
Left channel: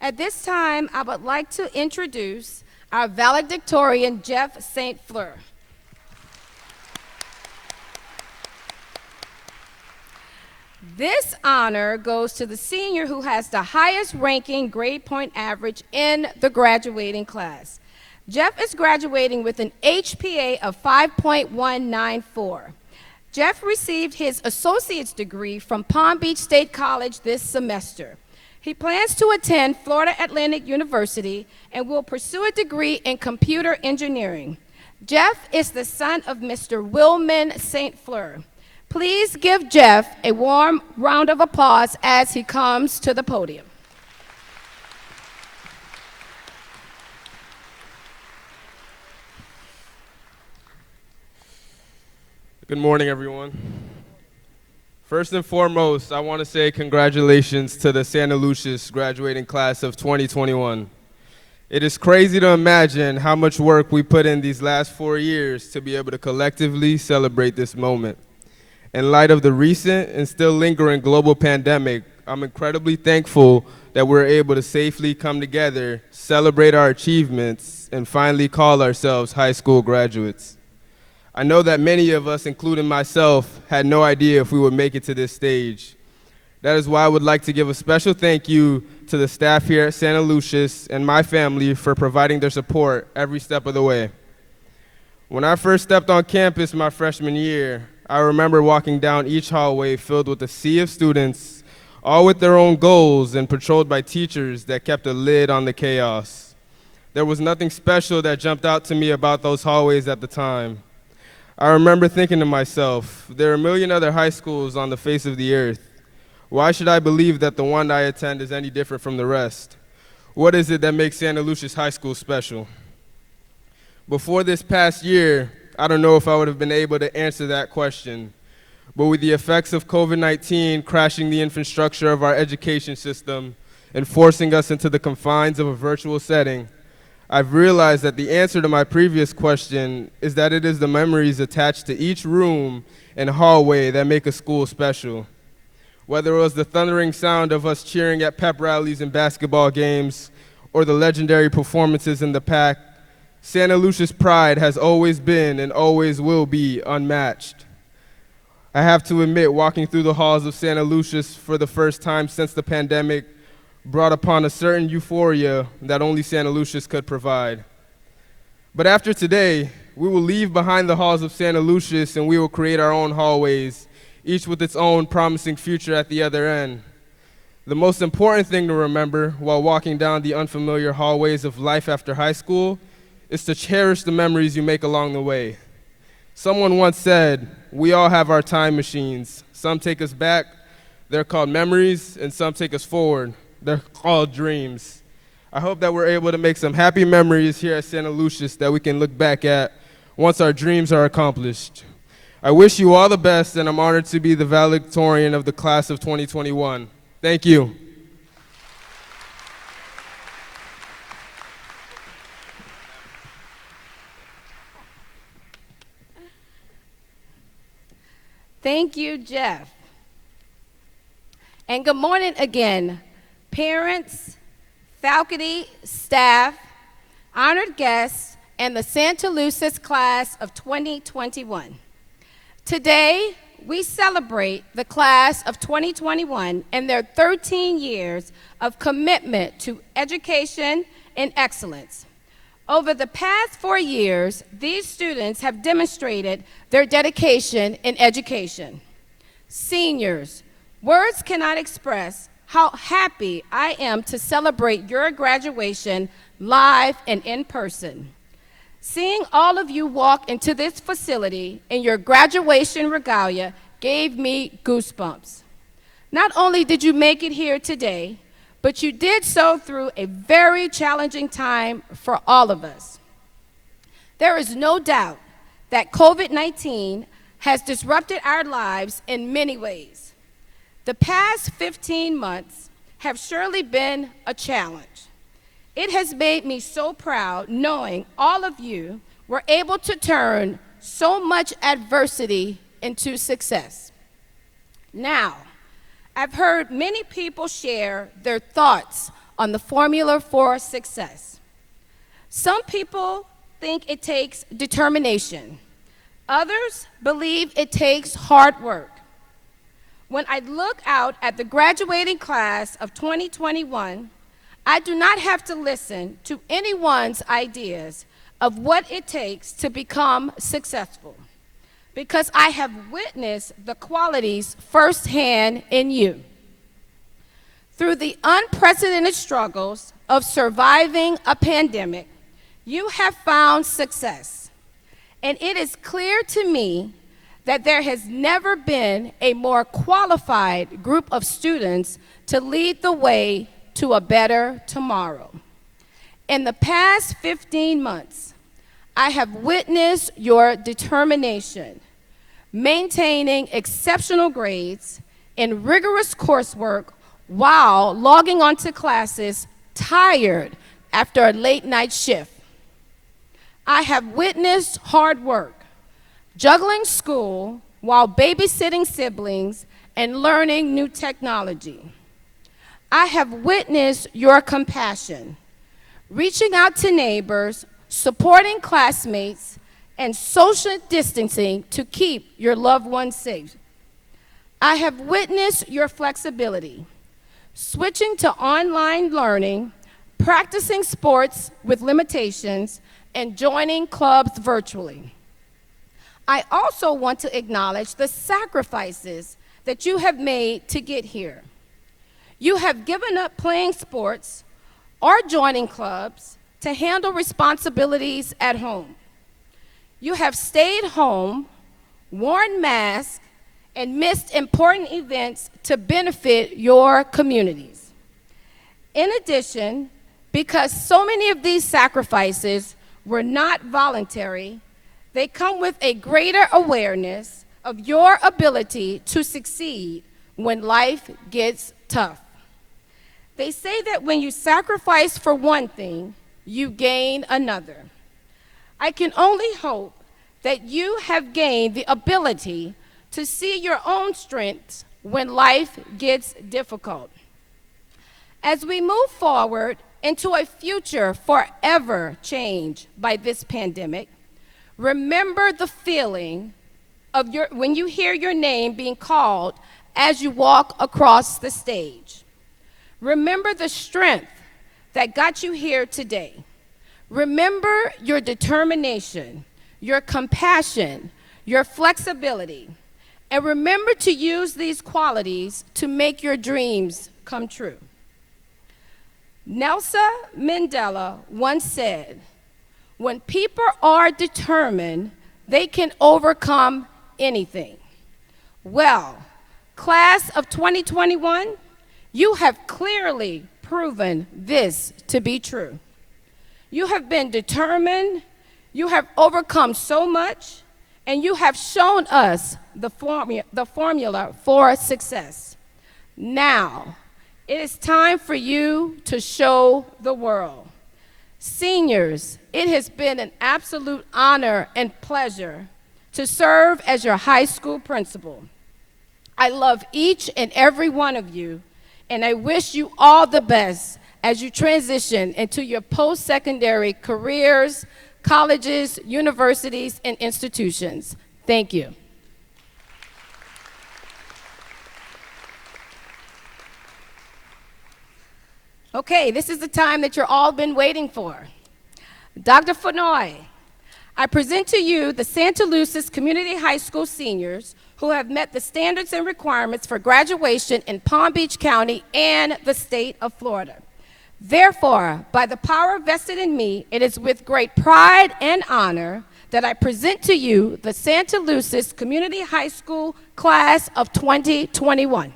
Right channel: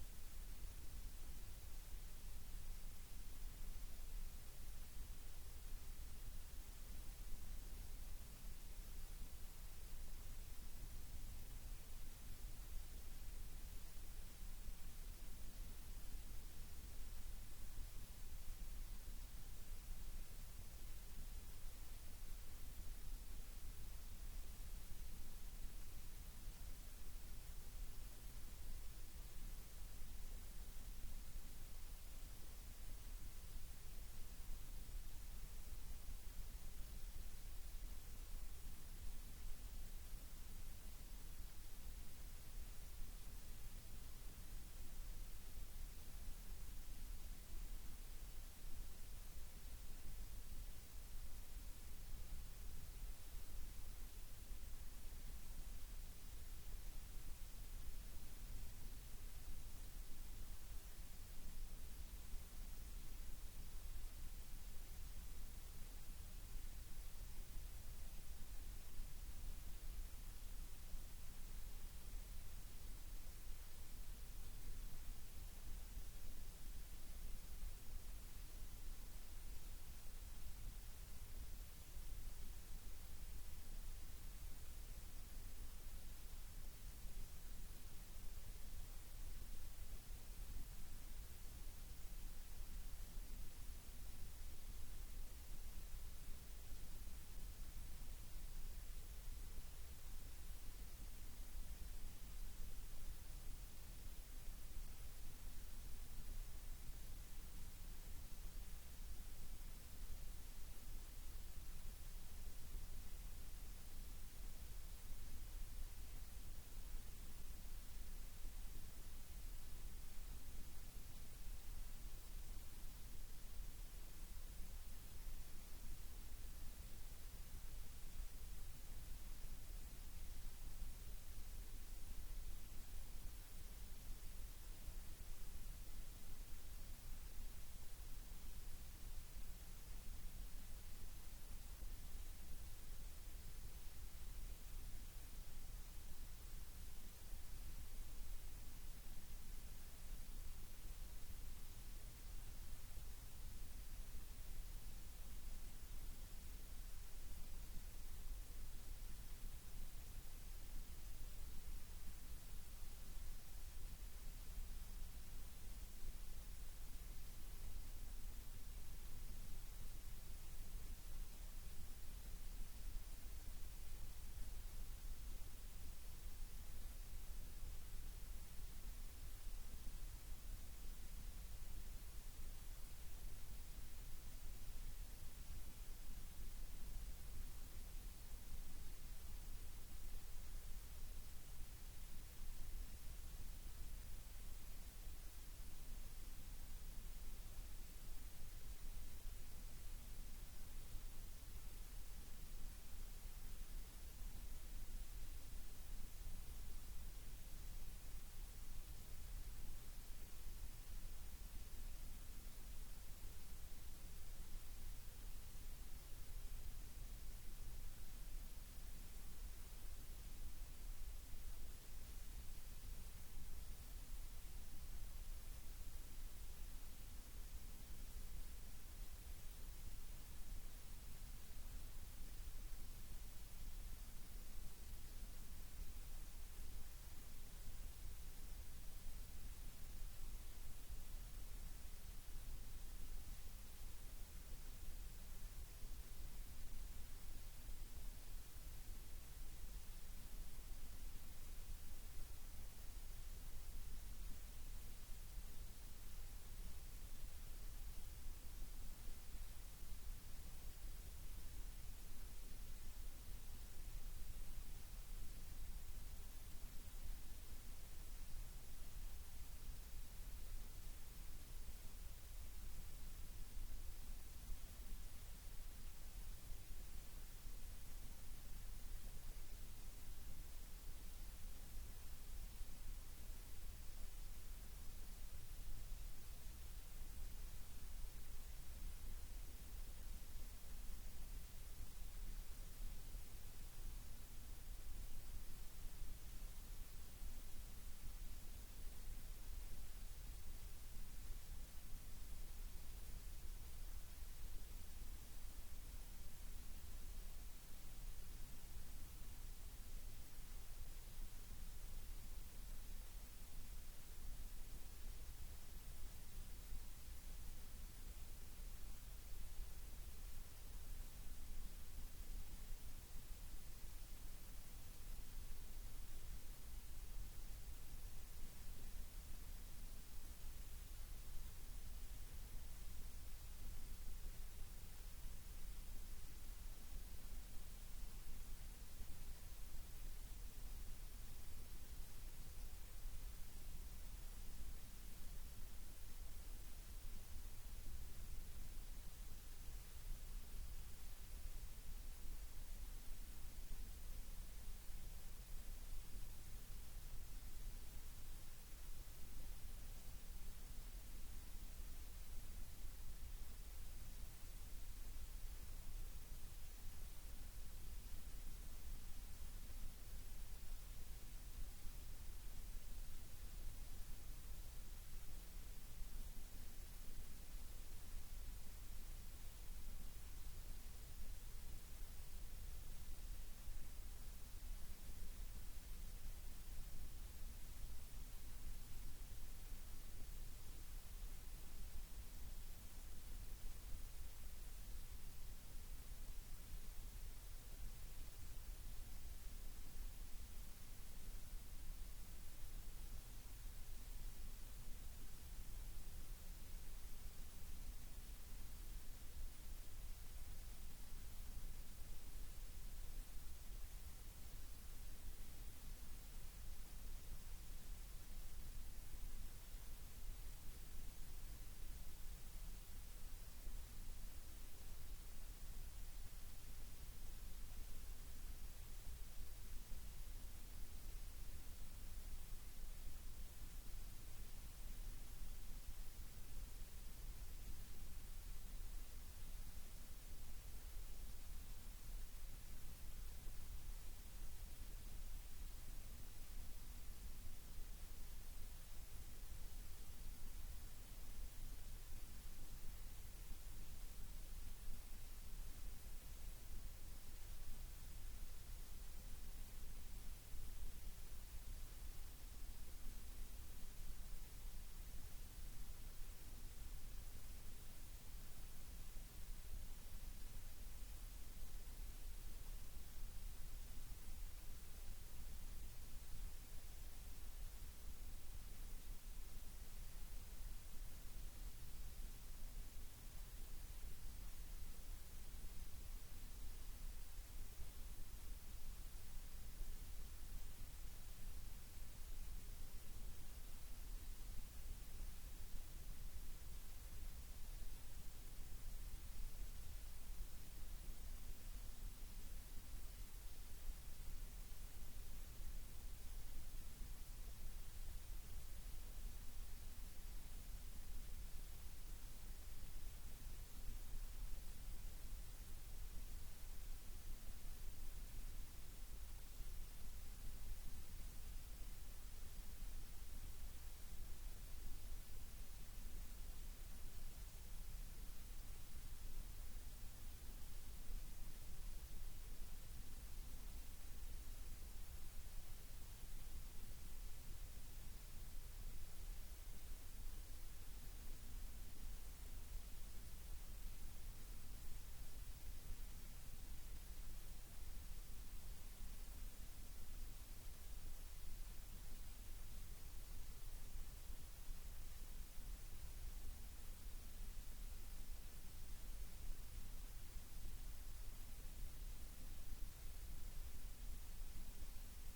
At this time, I would like to introduce our valedictorian, Jeff St. Fleur. This honor goes to the senior who has the highest ranking grade point average in the graduating class. Jeff is graduating with an HPA of 5.194. Jeff received his associate's degree from Palm Beach State College this semester. He plans to attend Florida Atlantic University and will pursue a degree in computer engineering. Jeff is the son of Mr. Wilman St. Fleur. Please give Jeff a warm round of applause as he comes to the podium. Good morning, everyone. First and foremost, I want to say congratulations to the Santaluces graduating class of 2021. It is crazy to imagine how much work we put in these last 4 years to be able to collectively celebrate this moment. In light of the recent and still lingering global pandemic, I'm incredibly thankful that we're able to safely come together, celebrate our achievements, and finally call ourselves high school graduates. I know that many of us, including myself, had no idea if we would make it to this stage. That is why I would like to give a special thank you to the staff here at Santaluces and my family for providing their support every step of the way. When I first stepped on campus my freshman year, I remember walking down each hallway filled with a sea of students, all with their own goals and patrolled by teachers that kept a lid on the chaos. There was nothing special that jumped out to me about those hallways at the time. I remember thinking to myself, there are a million other high schools on the face of the earth. Why should I believe that the one I attend is any different from the rest? What is it that makes Santaluces High School special? Before this past year, I don't know if I would have been able to answer that question. But with the effects of COVID-19 crashing the infrastructure of our education system and forcing us into the confines of a virtual setting, I've realized that the answer to my previous question is that it is the memories attached to each room and hallway that make a school special. Whether it was the thundering sound of us cheering at pep rallies and basketball games, or the legendary performances in the pack, Santaluces' pride has always been and always will be unmatched. I have to admit, walking through the halls of Santaluces for the first time since the pandemic brought upon a certain euphoria that only Santaluces could provide. But after today, we will leave behind the halls of Santaluces and we will create our own hallways, each with its own promising future at the other end. The most important thing to remember while walking down the unfamiliar hallways of life after high school is to cherish the memories you make along the way. Someone once said, we all have our time machines. Some take us back, they're called memories, and some take us forward, they're called dreams. I hope that we're able to make some happy memories here at Santaluces that we can look back at once our dreams are accomplished. I wish you all the best, and I'm honored to be the valedictorian of the class of 2021. Thank you. Thank you, Jeff. And good morning again, parents, faculty, staff, honored guests, and the Santaluces class of 2021. Today, we celebrate the class of 2021 and their 13 years of commitment to education and excellence. Over the past 4 years, these students have demonstrated their dedication in education. Seniors, words cannot express how happy I am to celebrate your graduation live and in person. Seeing all of you walk into this facility in your graduation regalia gave me goosebumps. Not only did you make it here today, but you did so through a very challenging time for all of us. There is no doubt that COVID-19 has disrupted our lives in many ways. The past 15 months have surely been a challenge. It has made me so proud knowing all of you were able to turn so much adversity into success. Now, I've heard many people share their thoughts on the formula for success. Some people think it takes determination. Others believe it takes hard work. When I look out at the graduating class of 2021, I do not have to listen to anyone's ideas of what it takes to become successful, because I have witnessed the qualities firsthand in you. Through the unprecedented struggles of surviving a pandemic, you have found success. And it is clear to me that there has never been a more qualified group of students to lead the way to a better tomorrow. In the past 15 months, I have witnessed your determination, maintaining exceptional grades in rigorous coursework while logging onto classes tired after a late night shift. I have witnessed hard work, juggling school while babysitting siblings and learning new technology. I have witnessed your compassion, reaching out to neighbors, supporting classmates, and social distancing to keep your loved ones safe. I have witnessed your flexibility, switching to online learning, practicing sports with limitations, and joining clubs virtually. I also want to acknowledge the sacrifices that you have made to get here. You have given up playing sports or joining clubs to handle responsibilities at home. You have stayed home, worn masks, and missed important events to benefit your communities. In addition, because so many of these sacrifices were not voluntary, they come with a greater awareness of your ability to succeed when life gets tough. They say that when you sacrifice for one thing, you gain another. I can only hope that you have gained the ability to see your own strengths when life gets difficult. As we move forward into a future forever changed by this pandemic, remember the feeling of when you hear your name being called as you walk across the stage. Remember the strength that got you here today. Remember your determination, your compassion, your flexibility, and remember to use these qualities to make your dreams come true. Nelson Mandela once said, "When people are determined, they can overcome anything." Well, class of 2021, you have clearly proven this to be true. You have been determined, you have overcome so much, and you have shown us the formula for success. Now, it is time for you to show the world. Seniors, it has been an absolute honor and pleasure to serve as your high school principal. I love each and every one of you, and I wish you all the best as you transition into your post-secondary careers, colleges, universities, and institutions. Thank you. Okay, this is the time that you're all been waiting for. Dr. Fenoy, I present to you the Santaluces Community High School seniors who have met the standards and requirements for graduation in Palm Beach County and the state of Florida. Therefore, by the power vested in me, it is with great pride and honor that I present to you the Santaluces Community High School class of 2021.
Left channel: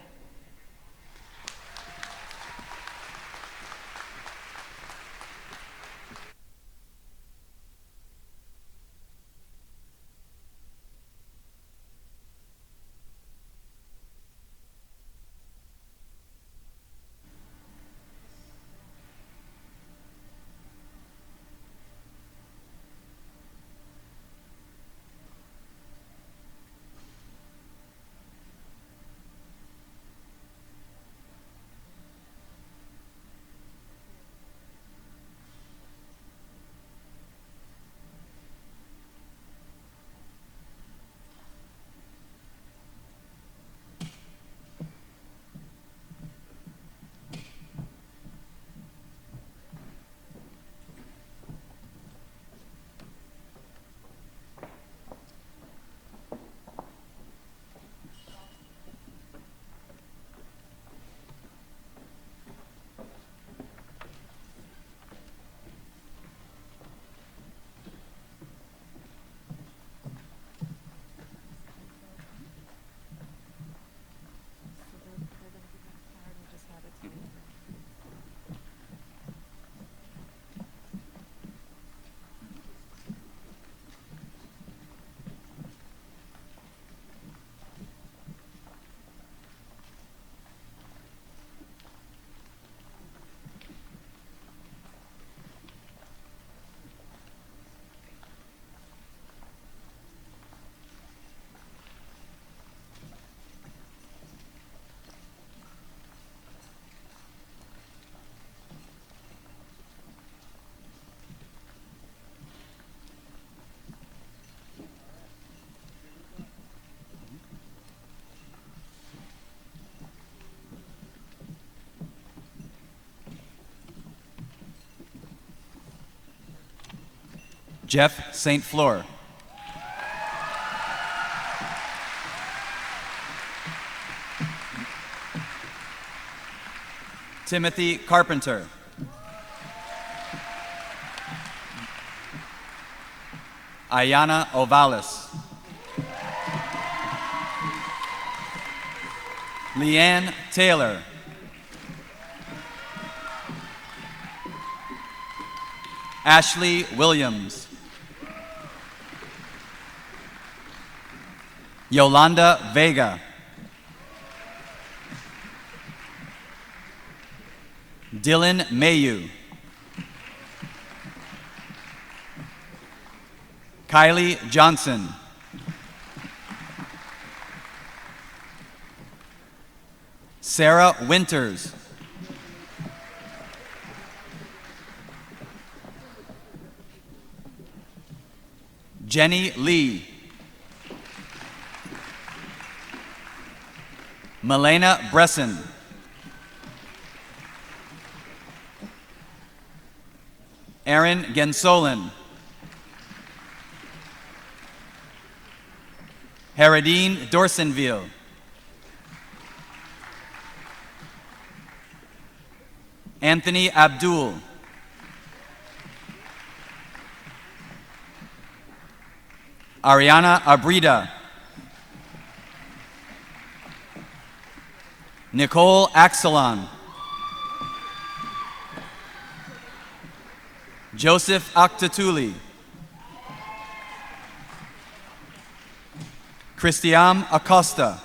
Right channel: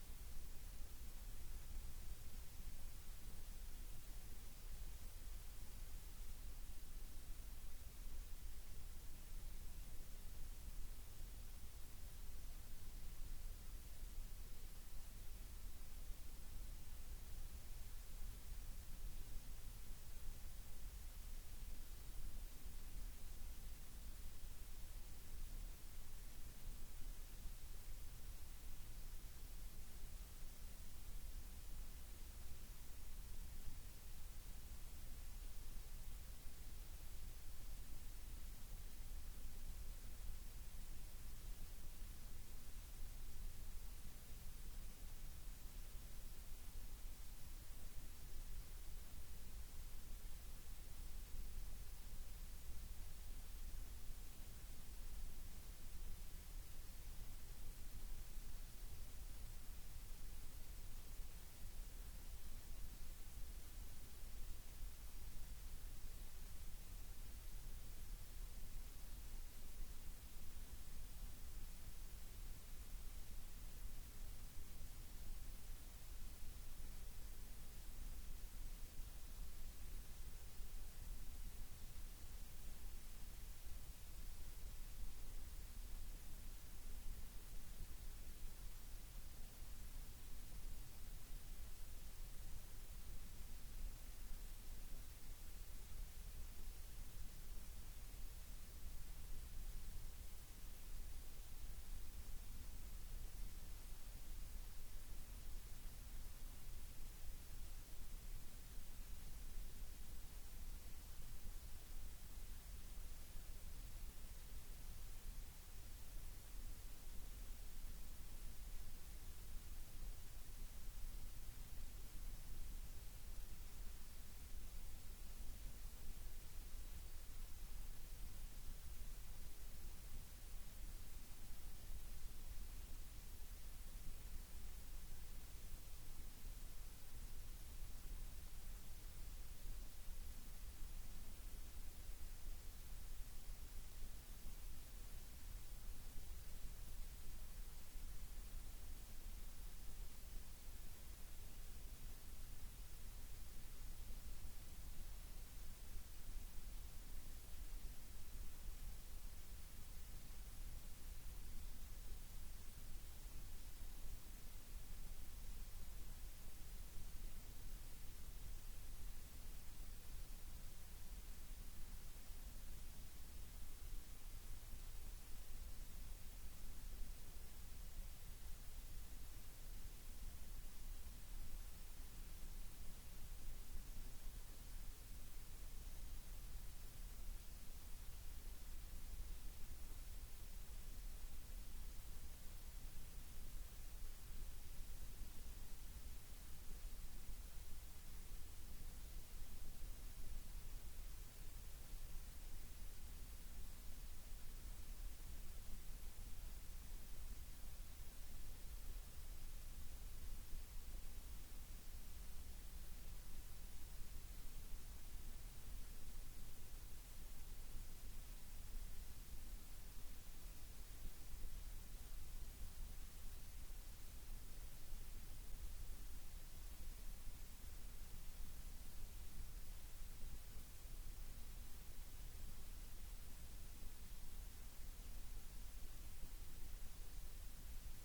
Jeff St. Fleur. Timothy Carpenter. Ayana Ovalis. Leanne Taylor. Ashley Williams. Yolanda Vega. Dylan Mayu. Kylie Johnson. Sarah Winters. Jenny Lee. Milena Bresson. Aaron Gensolin. Haradine Dorsenville. Anthony Abdul. Ariana Abrida. Nicole Axelon. Joseph Aktatuli. Christian Acosta.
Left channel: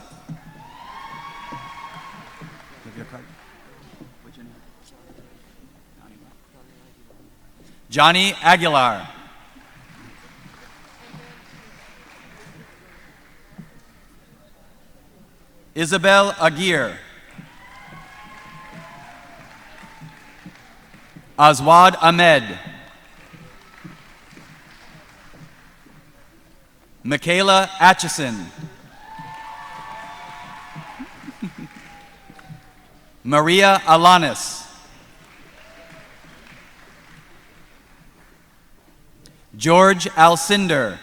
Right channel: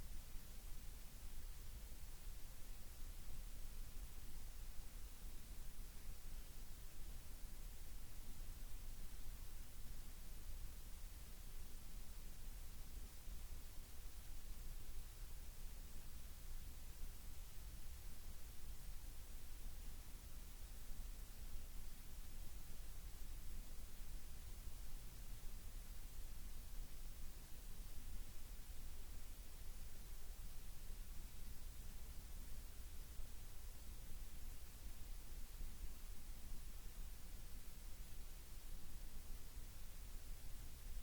Johnny Aguilar. Isabel Aguirre. Azwad Ahmed. Michaela Atchison. Maria Alanis. George Alcinder.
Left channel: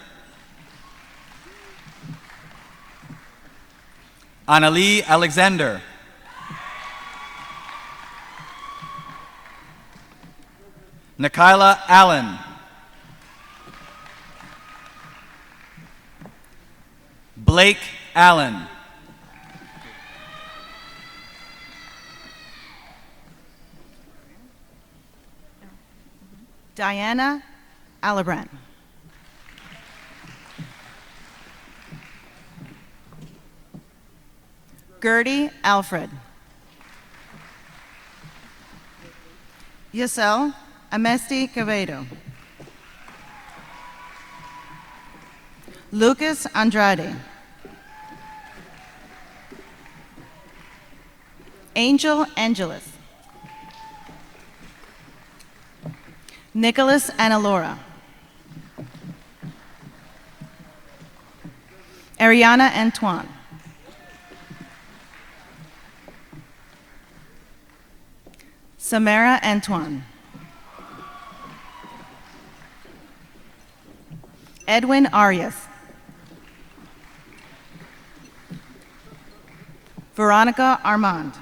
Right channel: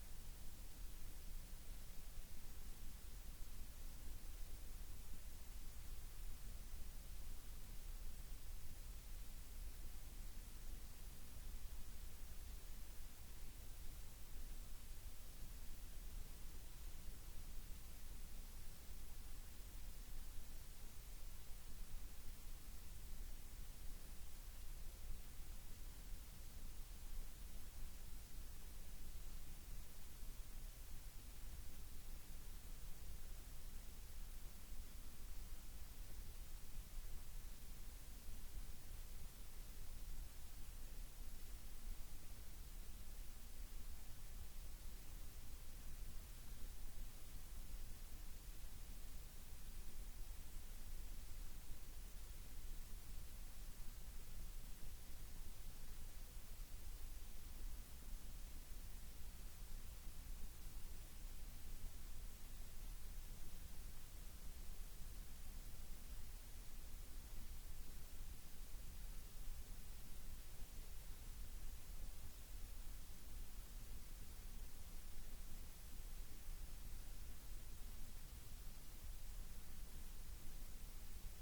Annalie Alexander. Nikayla Allen. Blake Allen. Diana Alibrand. Gertie Alfred. Yasel Amesti Quevedo. Lucas Andrade. Angel Angeles. Nicholas Analora. Ariana Antoine. Samara Antoine. Edwin Arias. Veronica Armand.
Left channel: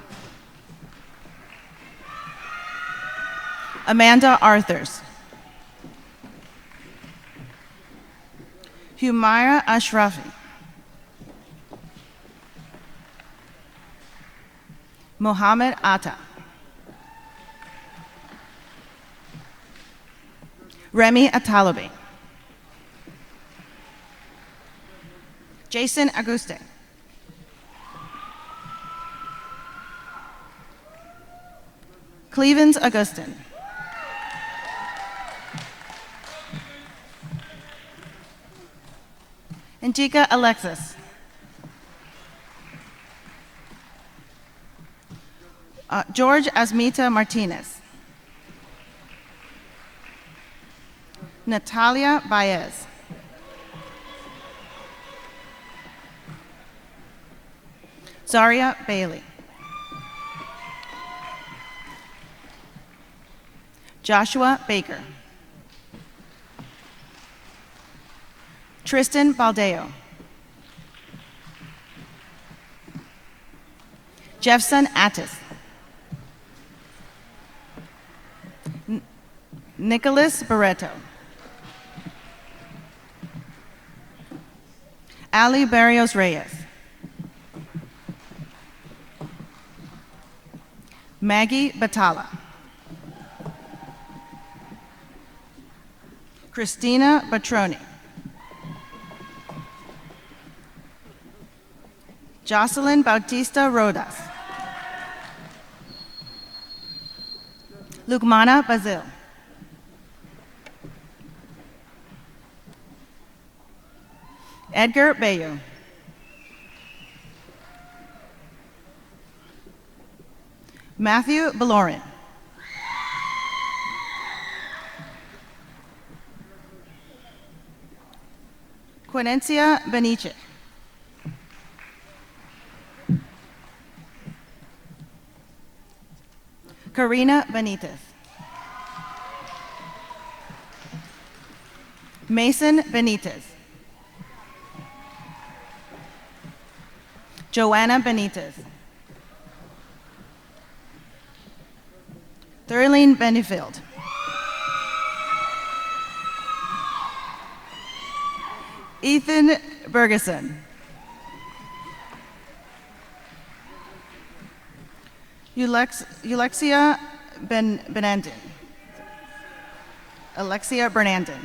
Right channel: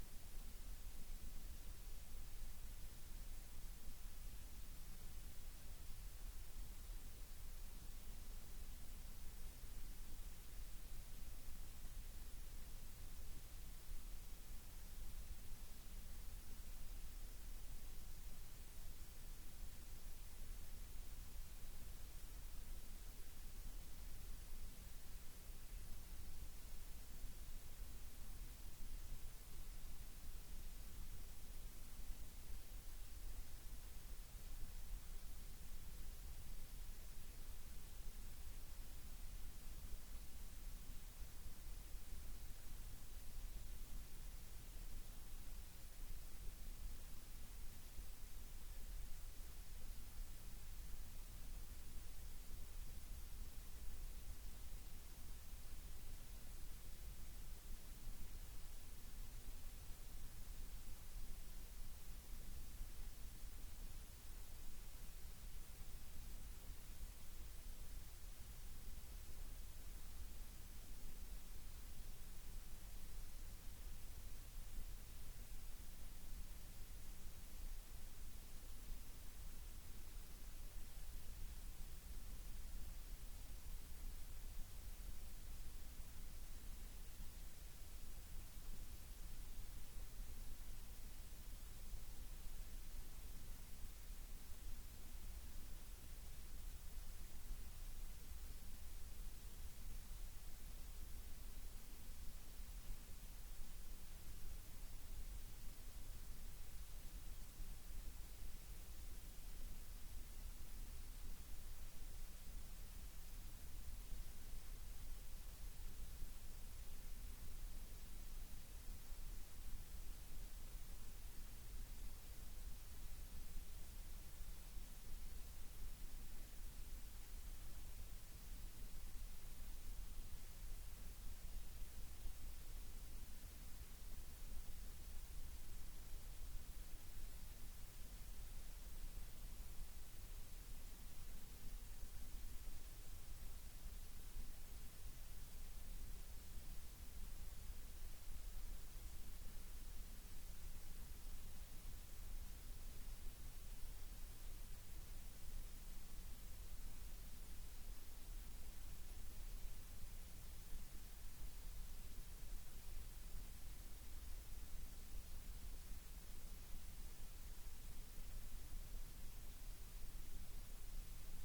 Amanda Arthurs. Humaira Ashrafi. Mohammed Atta. Remy Atalabi. Jason Auguste. Clevens Augustin. Antika Alexis. George Asmita Martinez. Natalia Baez. Zaria Bailey. Joshua Baker. Tristan Baldeo. Jeffson Attis. Nicholas Barreto. Ali Barrios Reyes. Maggie Batala. Christina Batroni. Jocelyn Bautista Rodas. Lukmana Bazil. Edgar Bayo. Matthew Belorin. Quenencia Beniche. Karina Benitez. Mason Benitez. Joanna Benitez. Thurline Benefield. Ethan Bergeson. Alexia Benandin. Alexia Bernandin.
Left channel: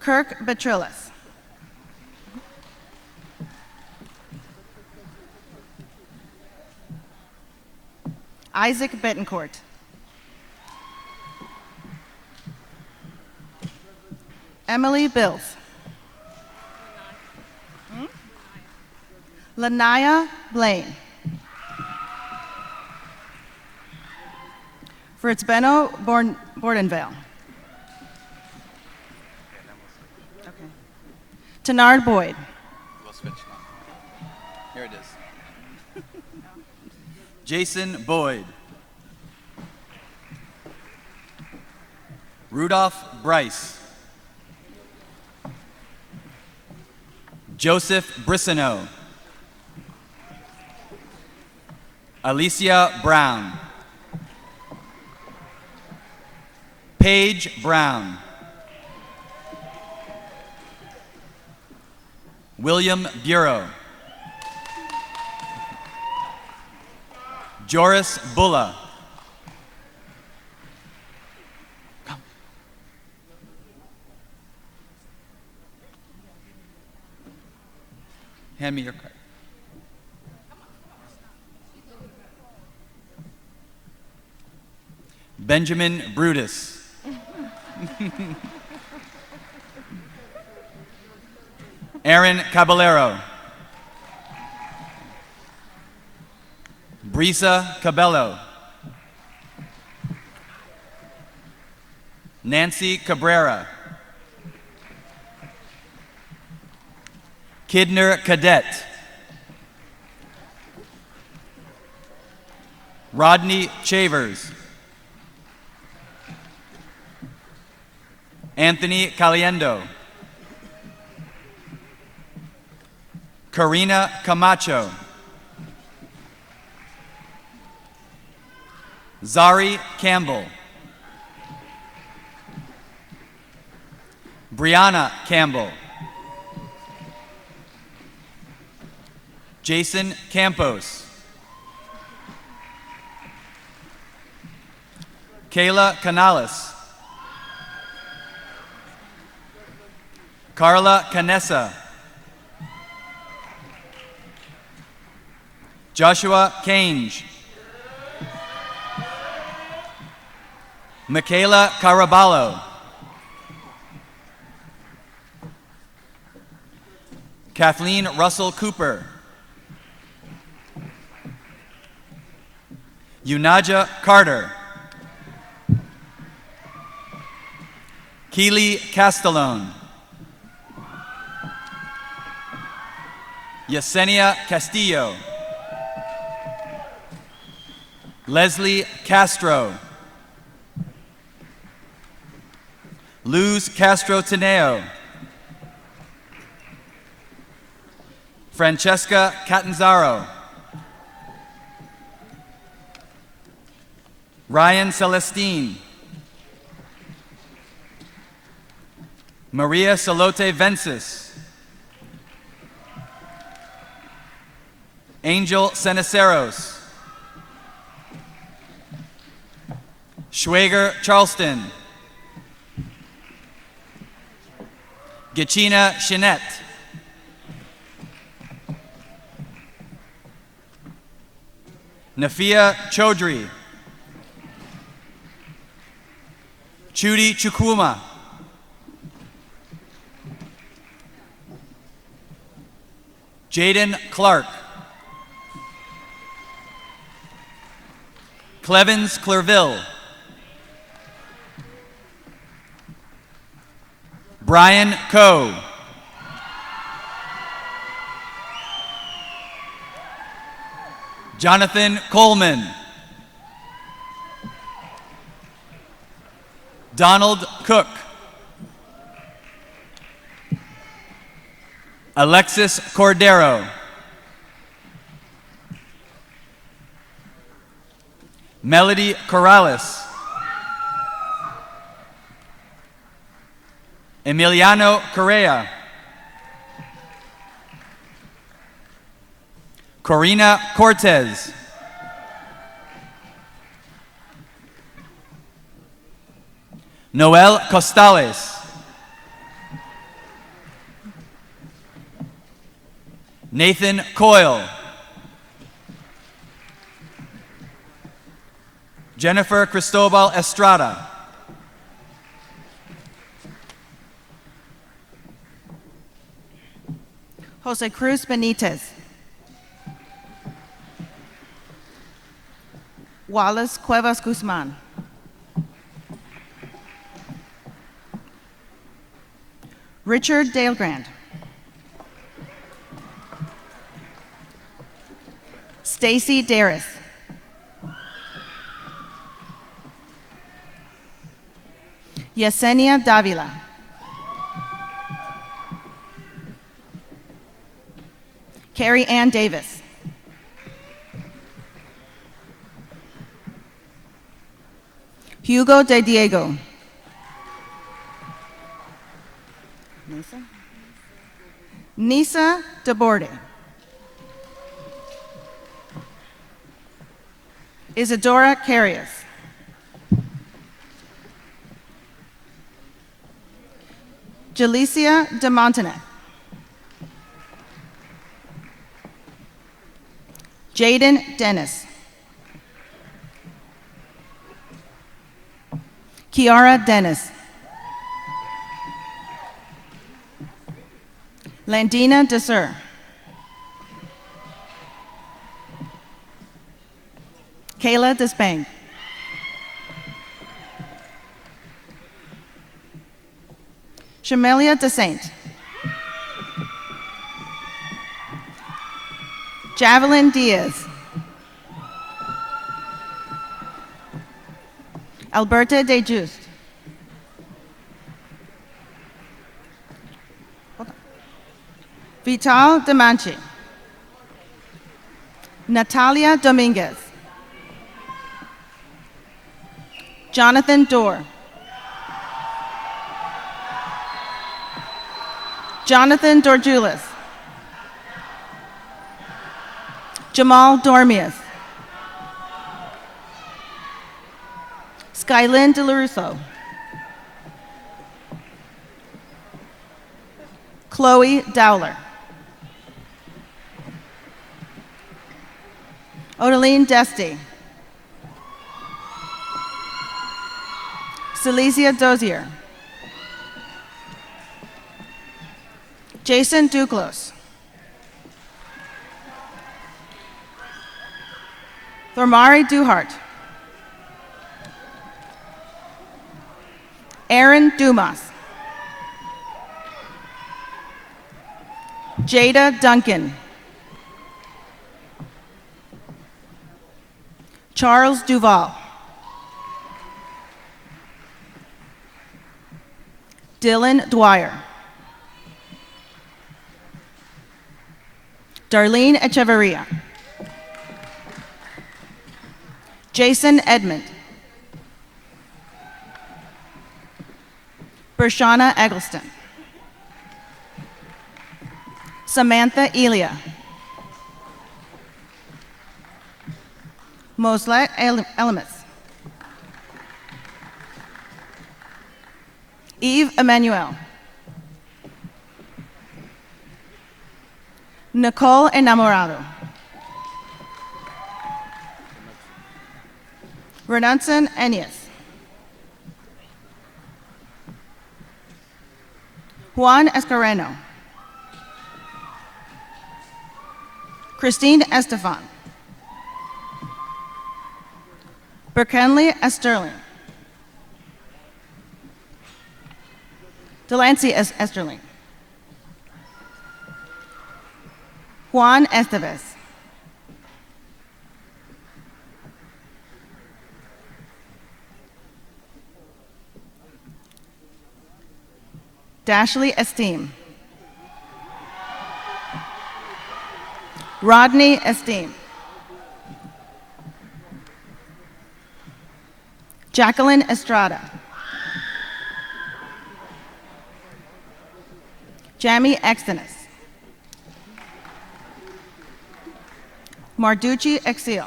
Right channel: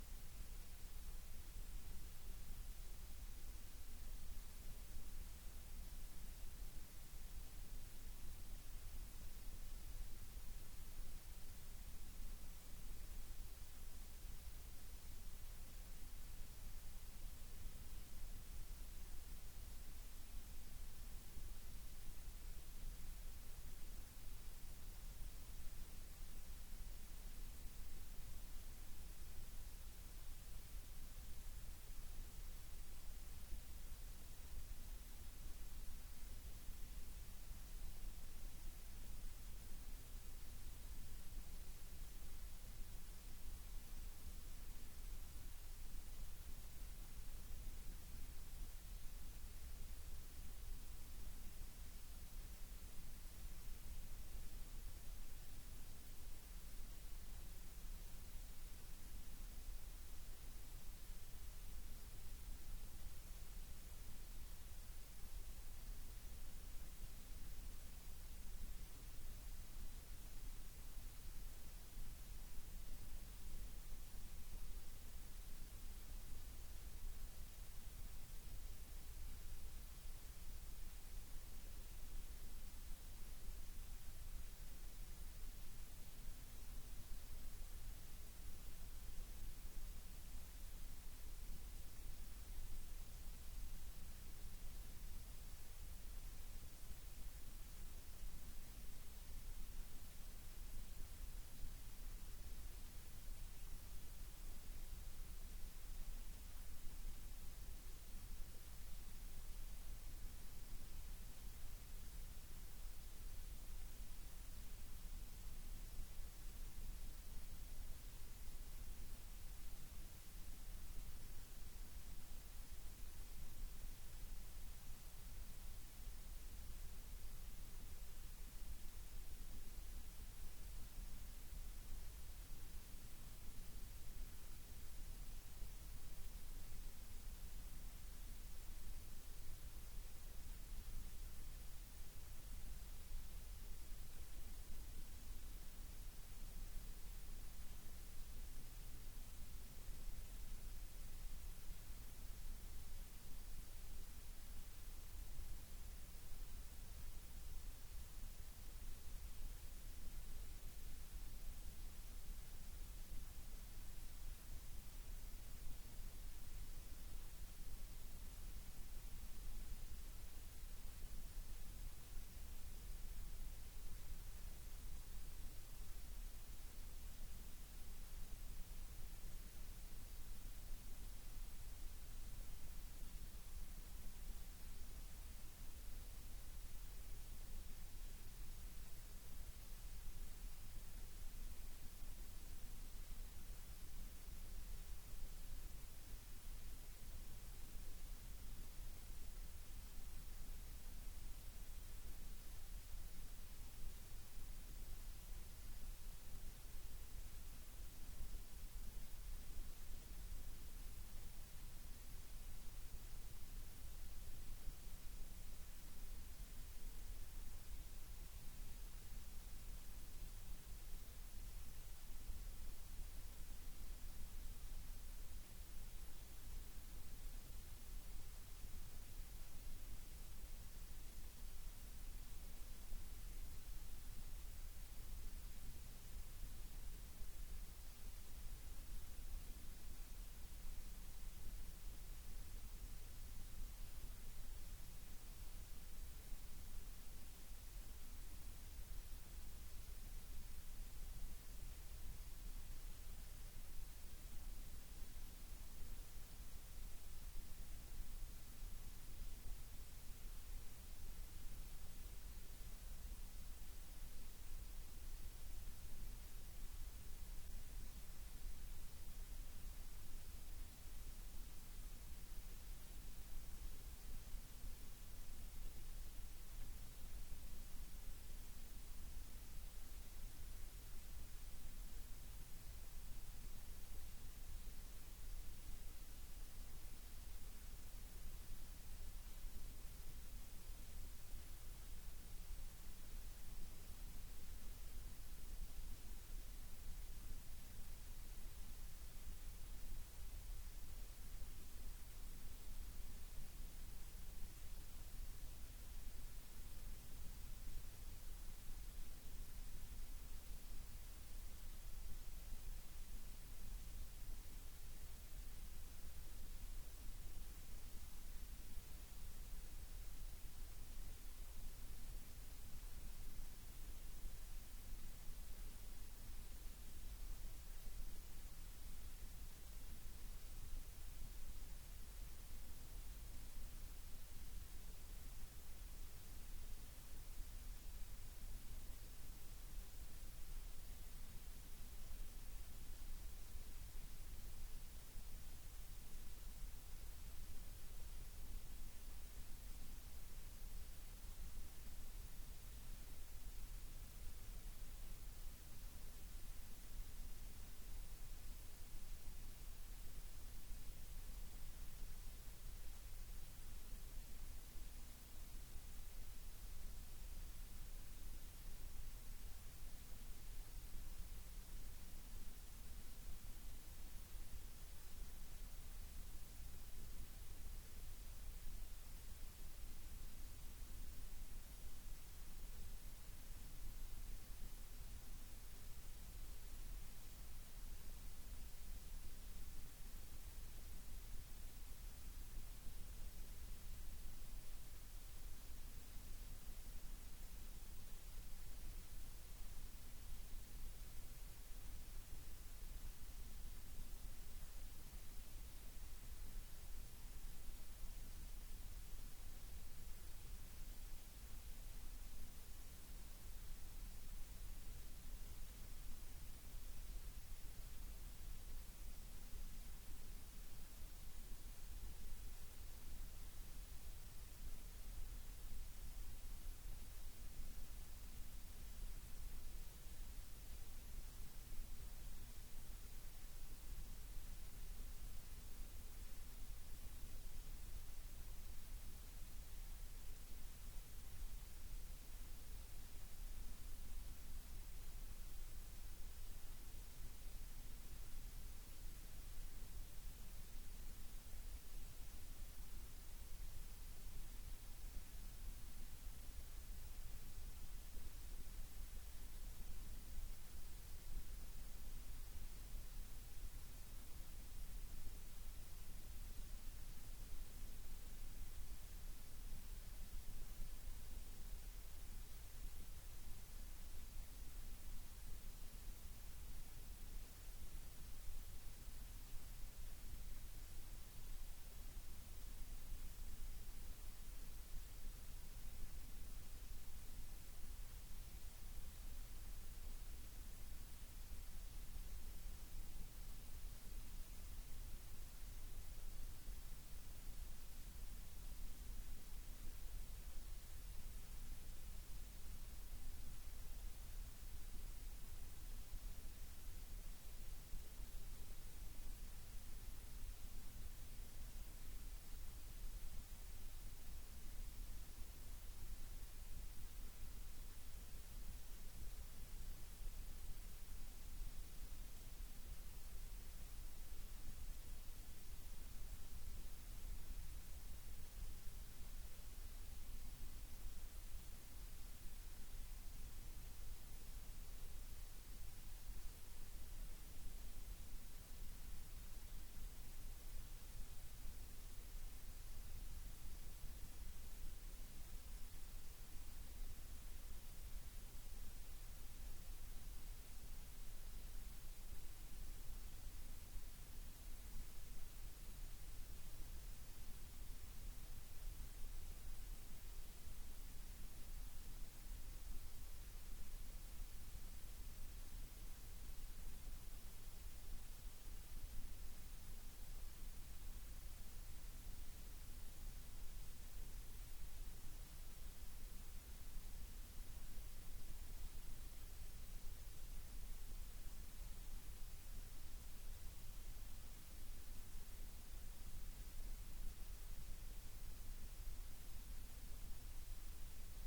Kirk Betrillis. Isaac Betancourt. Emily Bills. Lanaya Blaine. Fritzbeno Bordenvale. Okay. Tenard Boyd. We'll switch now. Here it is. Jason Boyd. Rudolph Bryce. Joseph Brissino. Alicia Brown. Paige Brown. William Bureau. Joris Bulla. Come. Hand me your card. Benjamin Brutus. Aaron Caballero. Brisa Cabello. Nancy Cabrera. Kidner Cadet. Rodney Chavers. Anthony Caliendo. Karina Camacho. Zari Campbell. Brianna Campbell. Jason Campos. Kayla Canales. Carla Canessa. Joshua Cange. Michaela Caraballo. Kathleen Russell Cooper. Yunaja Carter. Keely Castellone. Yesenia Castillo. Leslie Castro. Luz Castro Tineo. Francesca Catanzaro. Ryan Celestine. Maria Salote Vences. Angel Ceniceros. Schwager Charleston. Gachina Shinette. Nafia Chaudhry. Chudi Chukwuma. Jaden Clark. Clevens Clerville. Brian Coe. Jonathan Coleman. Donald Cook. Alexis Cordero. Melody Corrales. Emiliano Correa. Corina Cortez. Noel Costales. Nathan Coyle. Jennifer Cristobal Estrada. Jose Cruz Benitez. Wallace Cuevas Guzman. Richard Dalegrand. Stacy Darris. Yesenia Davila. Carrie Ann Davis. Hugo de Diego. Nisa DeBorde. Isadora Carias. Jalicia de Montanet. Jaden Dennis. Kiara Dennis. Landina Desir. Kayla Despang. Shamelia DeSaint. Javelin Diaz. Alberta De Just. Vital Demanchi. Natalia Dominguez. Jonathan Dorr. Jonathan Dorjulis. Jamal Dormius. Skylyn DeLarusso. Chloe Dowler. Odeline Desti. Celicia Dozier. Jason Duclos. Thormari Duhart. Aaron Dumas. Jada Duncan. Charles Duval. Dylan Dwyer. Darlene Echeverria. Jason Edmond. Bershana Eggleston. Samantha Elia. Moslet Elemis. Eve Emmanuel. Nicole Enamorado. Renanson Enias. Juan Escareno. Christine Estefan. Berkenley Esterling. Delancey Esterling. Juan Estevez. Dashley Esteem. Rodney Esteem. Jacqueline Estrada. Jamie Exenis. Marducci Exil.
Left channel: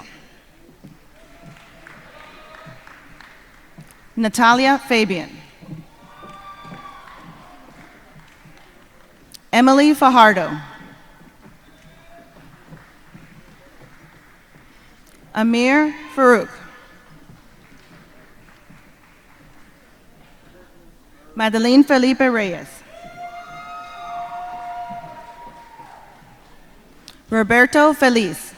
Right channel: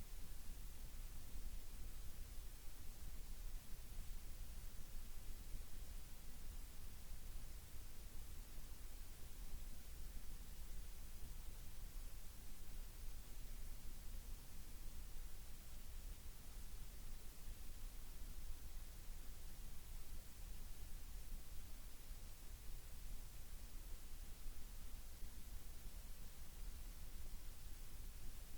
Natalia Fabian. Emily Fajardo. Amir Farouk. Madeline Felipe Reyes. Roberto Feliz.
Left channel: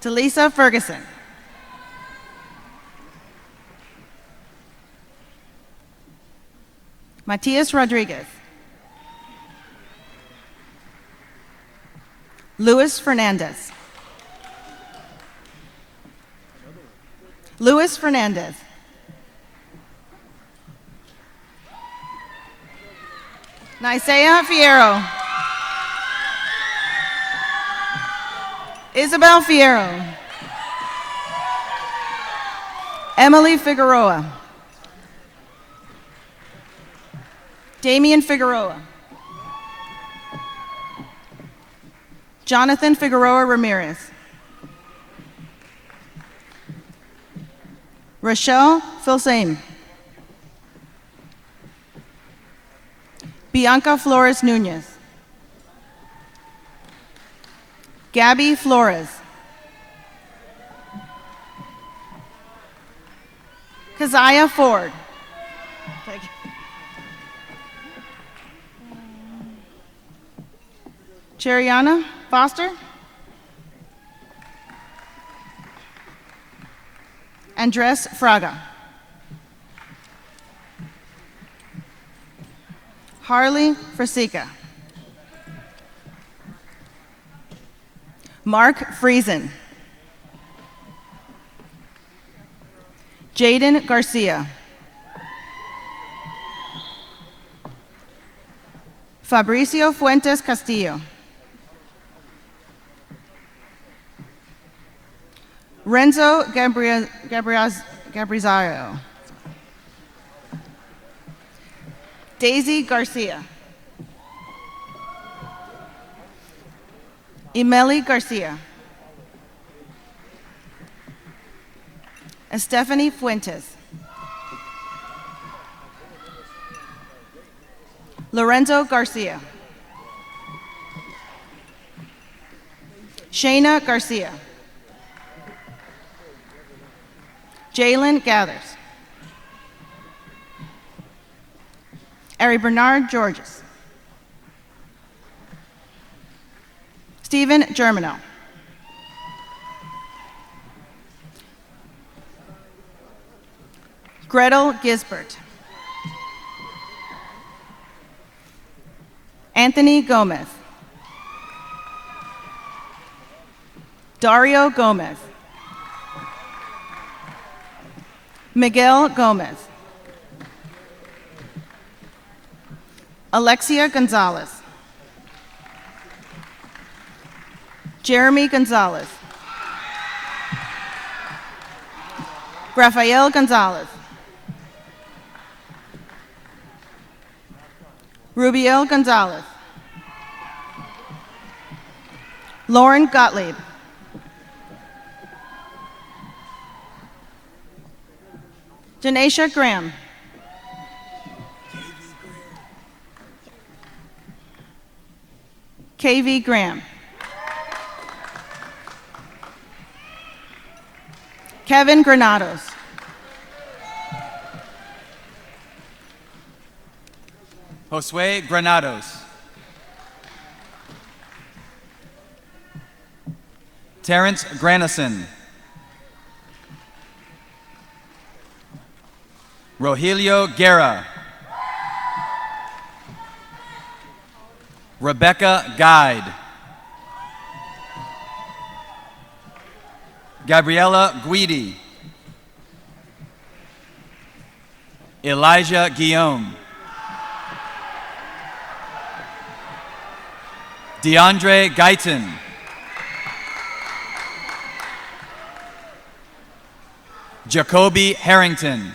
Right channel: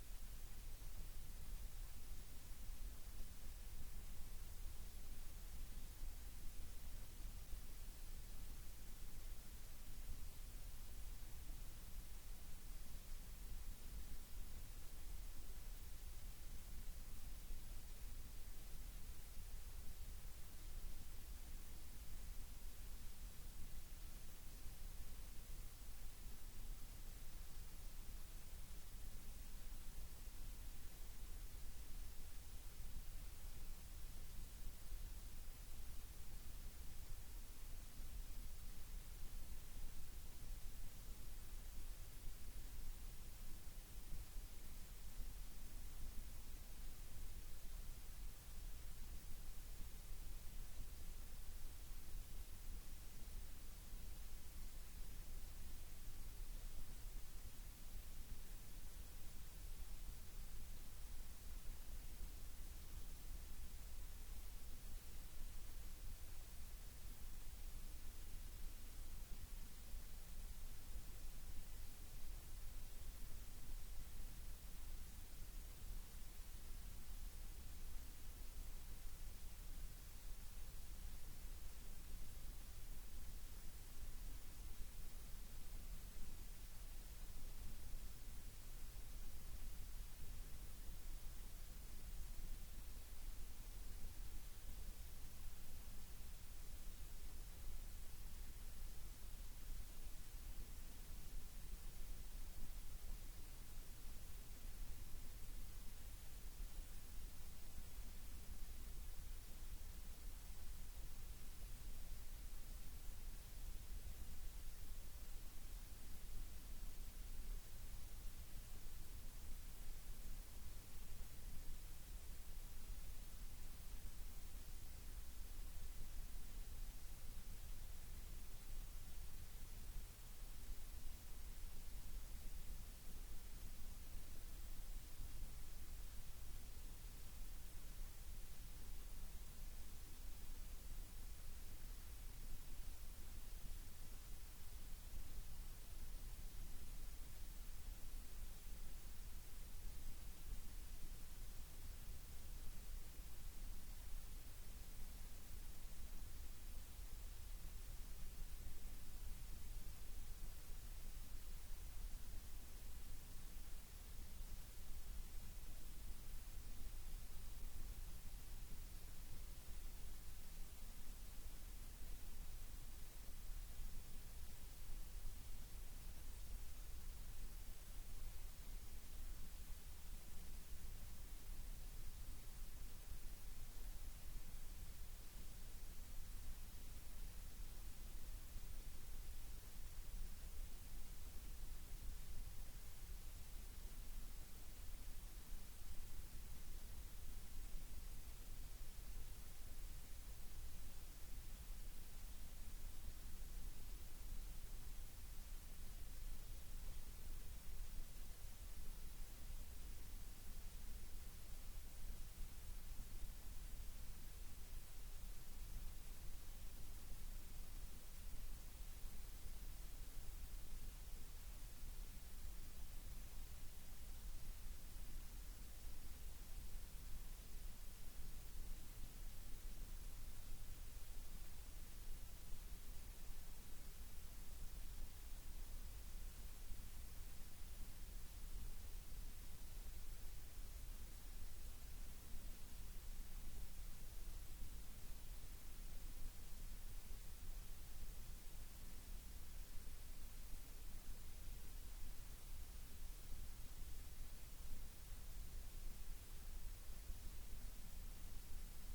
Talisa Ferguson. Matias Rodriguez. Luis Fernandez. Luis Fernandez. Nisea Fierro. Isabel Fierro. Emily Figueroa. Damian Figueroa. Jonathan Figueroa Ramirez. Rochelle Filsame. Bianca Flores Nunez. Gabby Flores. Keziah Ford. Thank you. Cheriana Foster. Andres Fraga. Harley Frasica. Mark Friesen. Jaden Garcia. Fabricio Fuentes Castillo. Renzo Gabrizario. Daisy Garcia. Emily Garcia. Estefany Fuentes. Lorenzo Garcia. Shayna Garcia. Jalen Gathers. Ari Bernard Georges. Stephen Germano. Gretel Gisbert. Anthony Gomez. Dario Gomez. Miguel Gomez. Alexia Gonzalez. Jeremy Gonzalez. Rafael Gonzalez. Rubiel Gonzalez. Lauren Gottlieb. Janaisha Graham. KV Graham. Kevin Granados. Josue Granados. Terrence Granison. Rogelio Guerra. Rebecca Guide. Gabriela Guidi. Elijah Guillaume. DeAndre Guyton. Jacoby Harrington.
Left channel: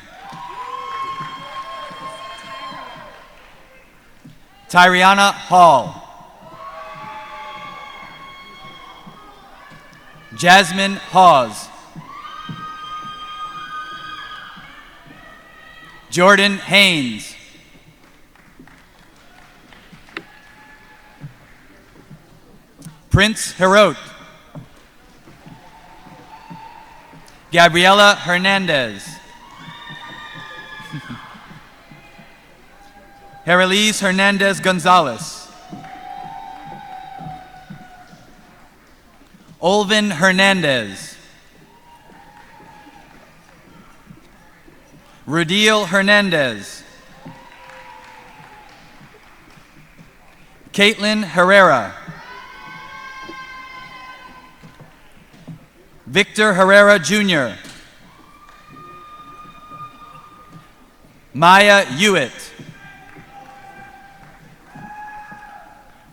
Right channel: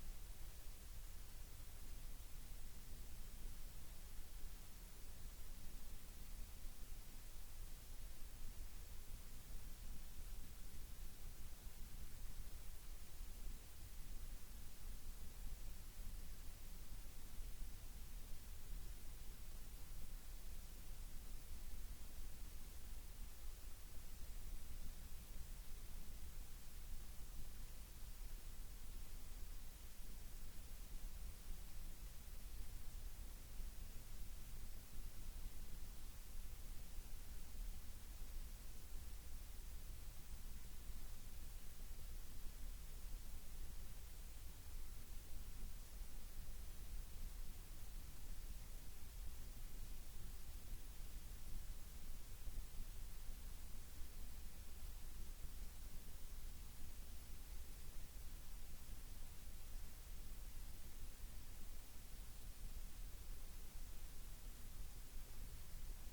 Tyriana Hall. Jasmine Hawes. Jordan Haynes. Prince Herot. Gabriela Hernandez. Herelise Hernandez Gonzalez. Olvin Hernandez. Rudiel Hernandez. Caitlin Herrera. Victor Herrera Jr. Maya Hewitt.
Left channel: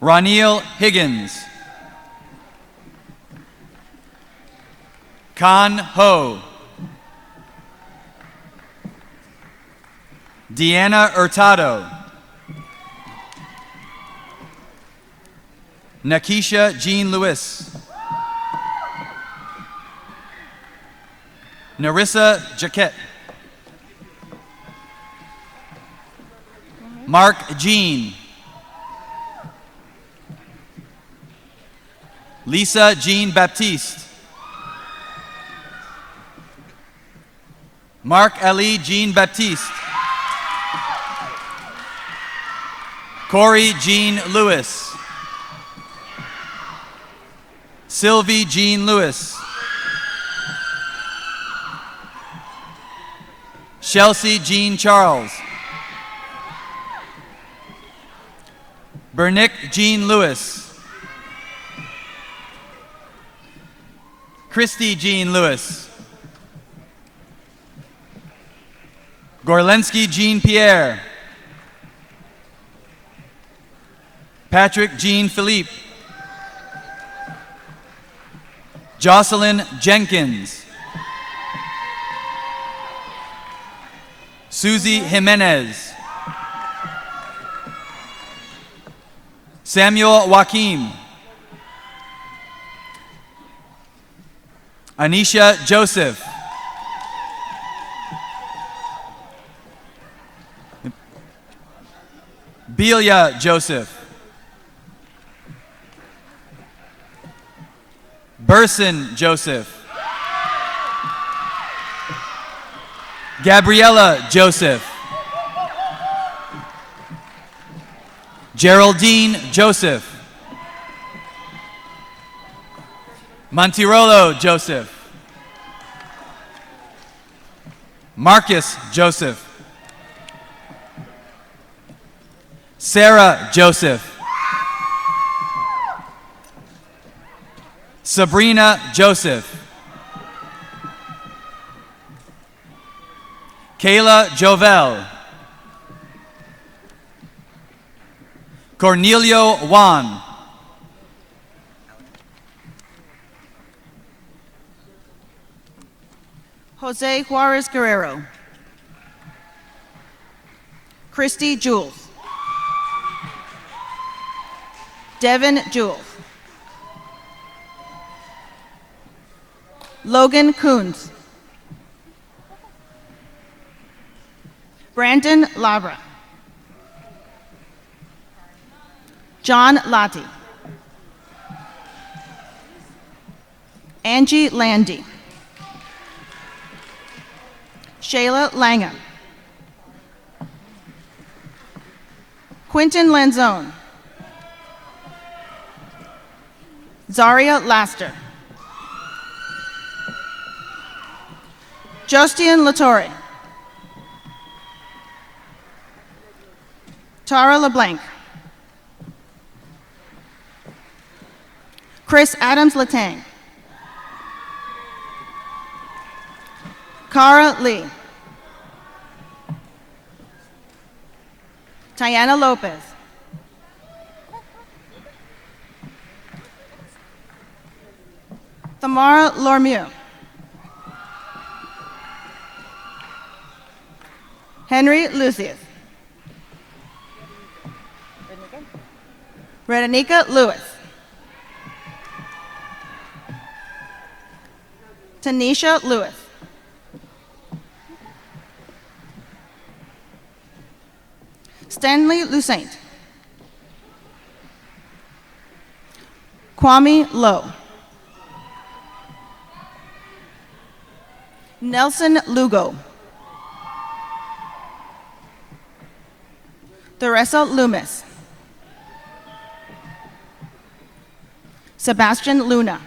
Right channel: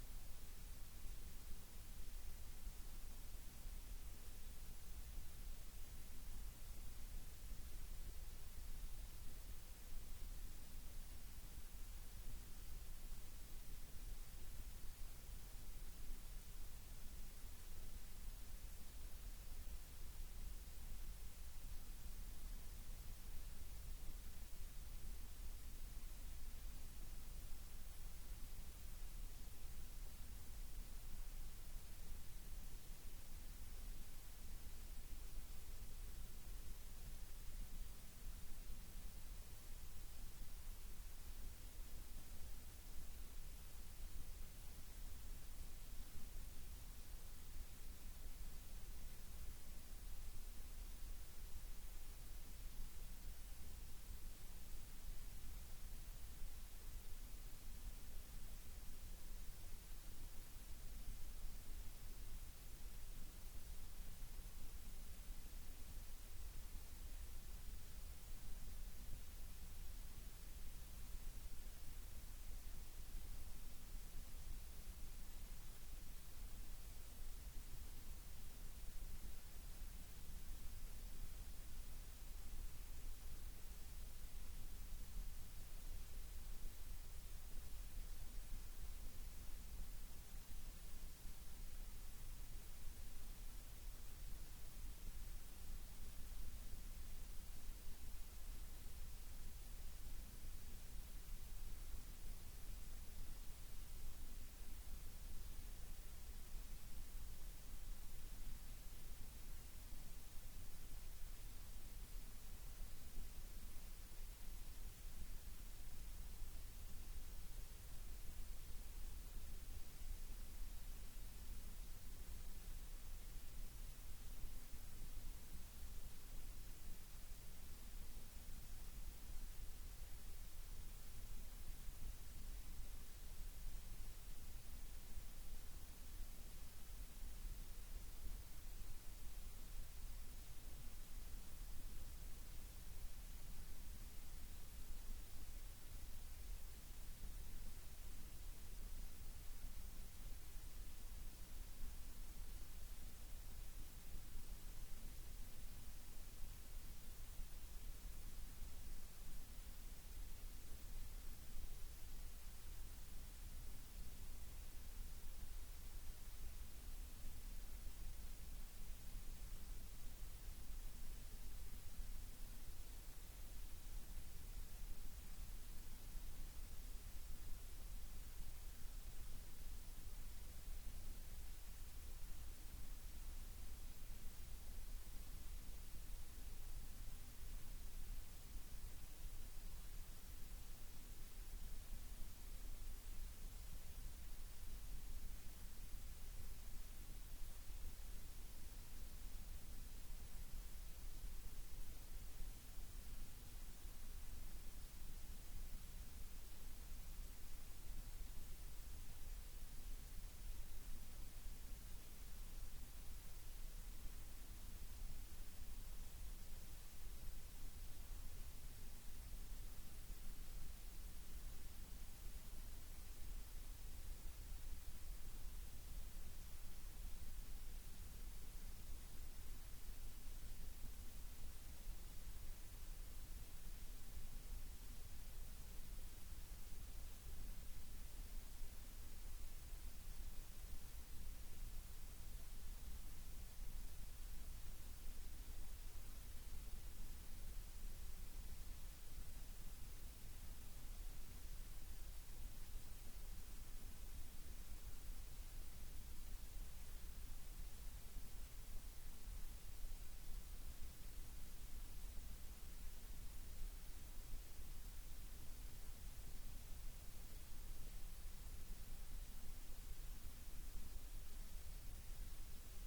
Ronil Higgins. Khan Ho. Deanna Hurtado. Nakisha Jean Lewis. Narissa Jaquette. Mark Jean. Lisa Jean Baptiste. Mark Ali Jean Baptiste. Corey Jean Lewis. Sylvie Jean Lewis. Chelsea Jean Charles. Bernick Jean Lewis. Christy Jean Lewis. Gorlensky Jean Pierre. Patrick Jean Philippe. Jocelyn Jenkins. Susie Jimenez. Samuel Joaquim. Anisha Joseph. Belia Joseph. Burson Joseph. Gabriella Joseph. Geraldine Joseph. Montirolo Joseph. Marcus Joseph. Sarah Joseph. Sabrina Joseph. Kayla Jovel. Cornelio Juan. Jose Juarez Guerrero. Christy Jules. Devin Jules. Logan Coons. Brandon Labra. John Latti. Angie Landy. Shayla Langham. Quentin Lanzone. Zaria Laster. Jostian Latore. Tara LeBlanc. Chris Adams Latang. Cara Lee. Tiana Lopez. Tamara Lormieux. Henry Lucius. Redanica Lewis. Tanisha Lewis. Stanley Lucent. Kwame Lowe. Nelson Lugo. Theresa Loomis. Sebastian Luna.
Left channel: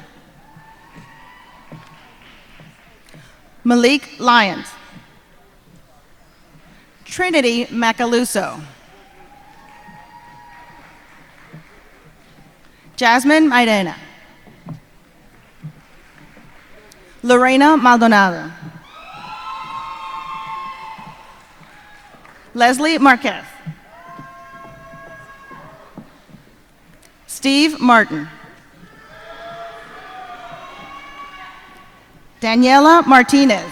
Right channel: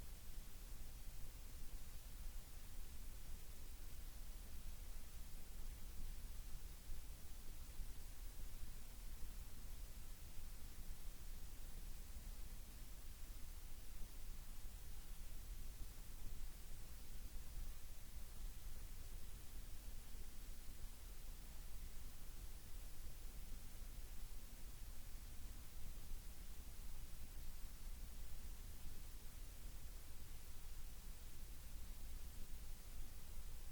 Malik Lyons. Trinity Macaluso. Jasmine Maidana. Lorena Maldonado. Leslie Marquez. Steve Martin. Daniela Martinez.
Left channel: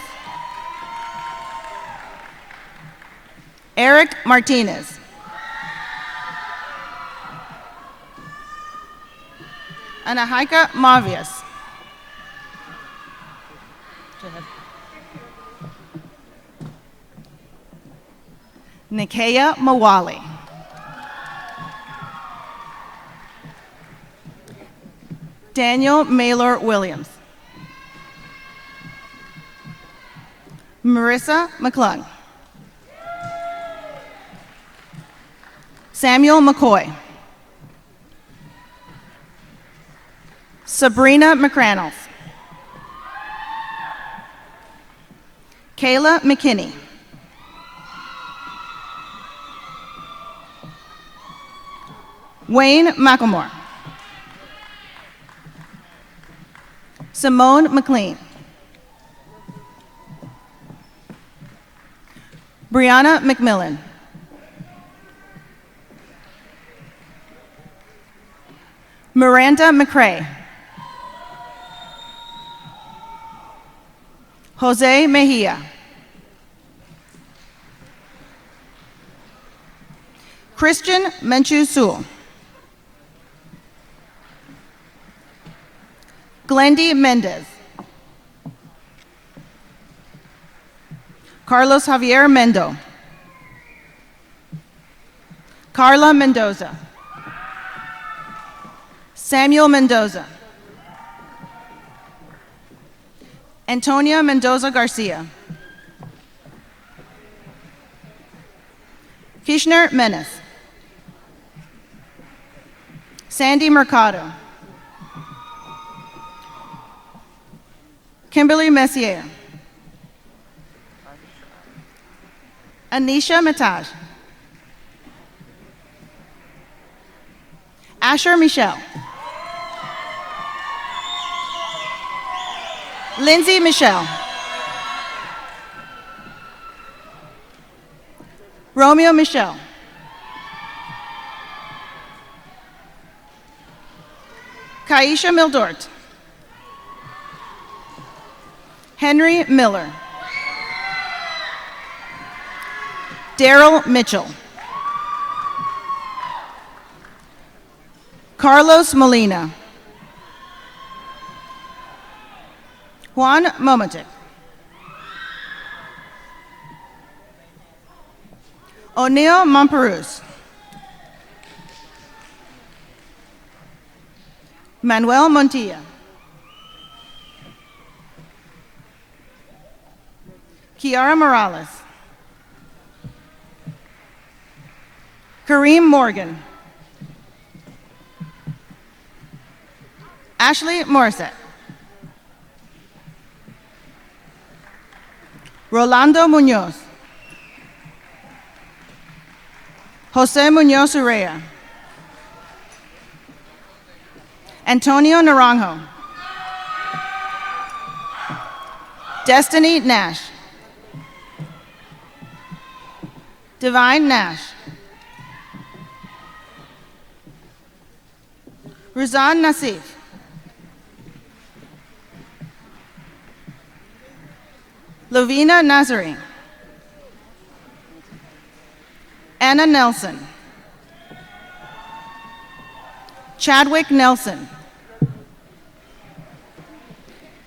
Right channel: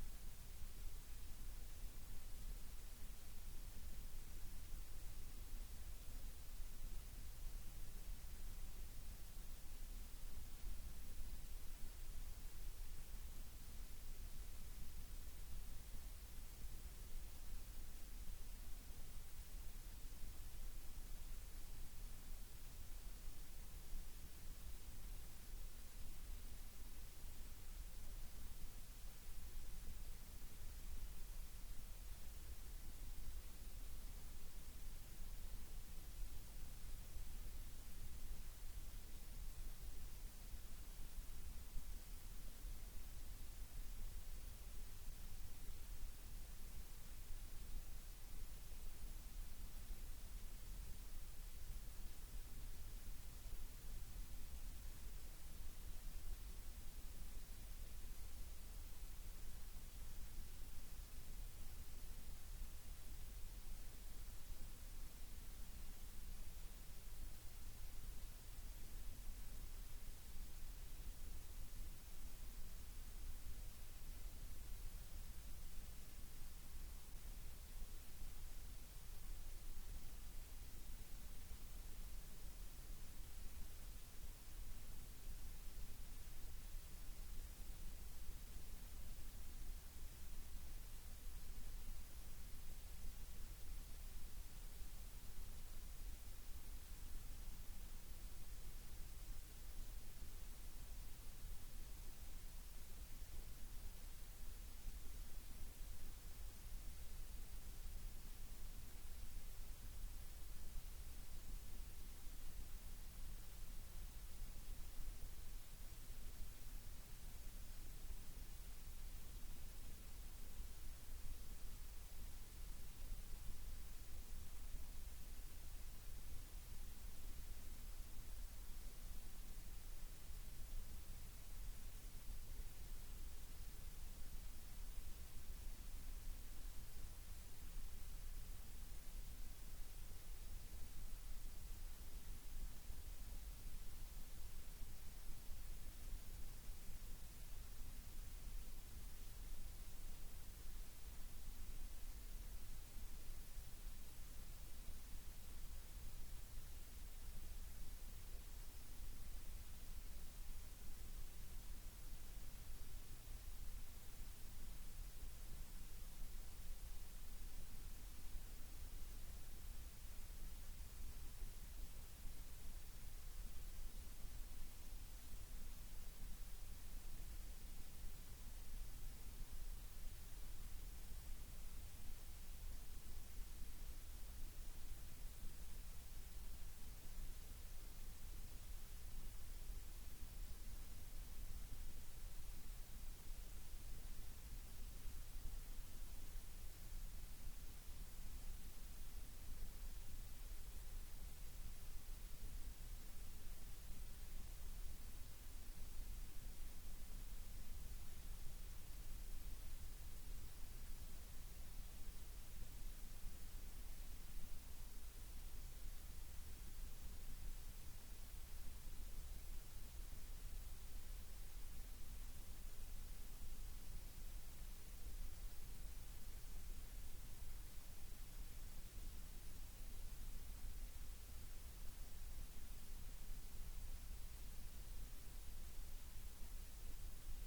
Eric Martinez. Anahika Mavias. Nikaya Mawali. Daniel Maylor Williams. Marissa McClung. Samuel McCoy. Sabrina McCrannles. Kayla McKinney. Wayne McElmore. Simone McLean. Brianna McMillan. Miranda McCrae. Jose Mejia. Christian Menchu Sewell. Glendy Mendez. Carlos Javier Mendo. Carla Mendoza. Samuel Mendoza. Antonia Mendoza Garcia. Kishner Menace. Sandy Mercado. Kimberly Messier. Anisha Mataj. Asher Michelle. Lindsay Michelle. Romeo Michel. Kaisha Mildort. Henry Miller. Daryl Mitchell. Carlos Molina. Juan Momotic. O'Neill Momperus. Manuel Montilla. Kiara Morales. Kareem Morgan. Ashley Morissette. Rolando Munoz. Jose Munoz Urrea. Antonio Naranjo. Destiny Nash. Divine Nash. Ruzan Nassif. Lovina Nazarene. Anna Nelson. Chadwick Nelson.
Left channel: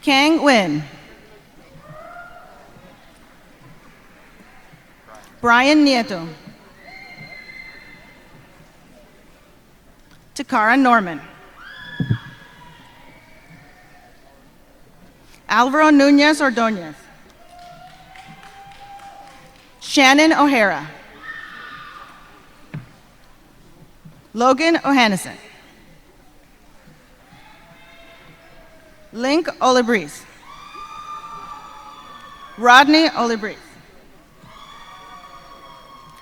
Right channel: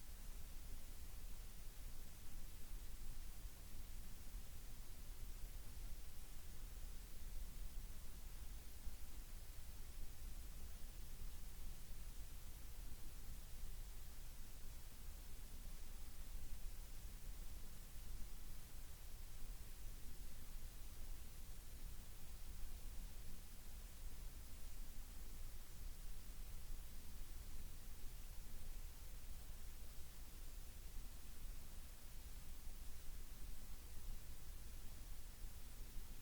Kang Win. Brian Nieto. Takara Norman. Alvaro Nunez Ordonez. Shannon O'Hara. Logan O'Hannison. Link Olibris. Rodney Olibris.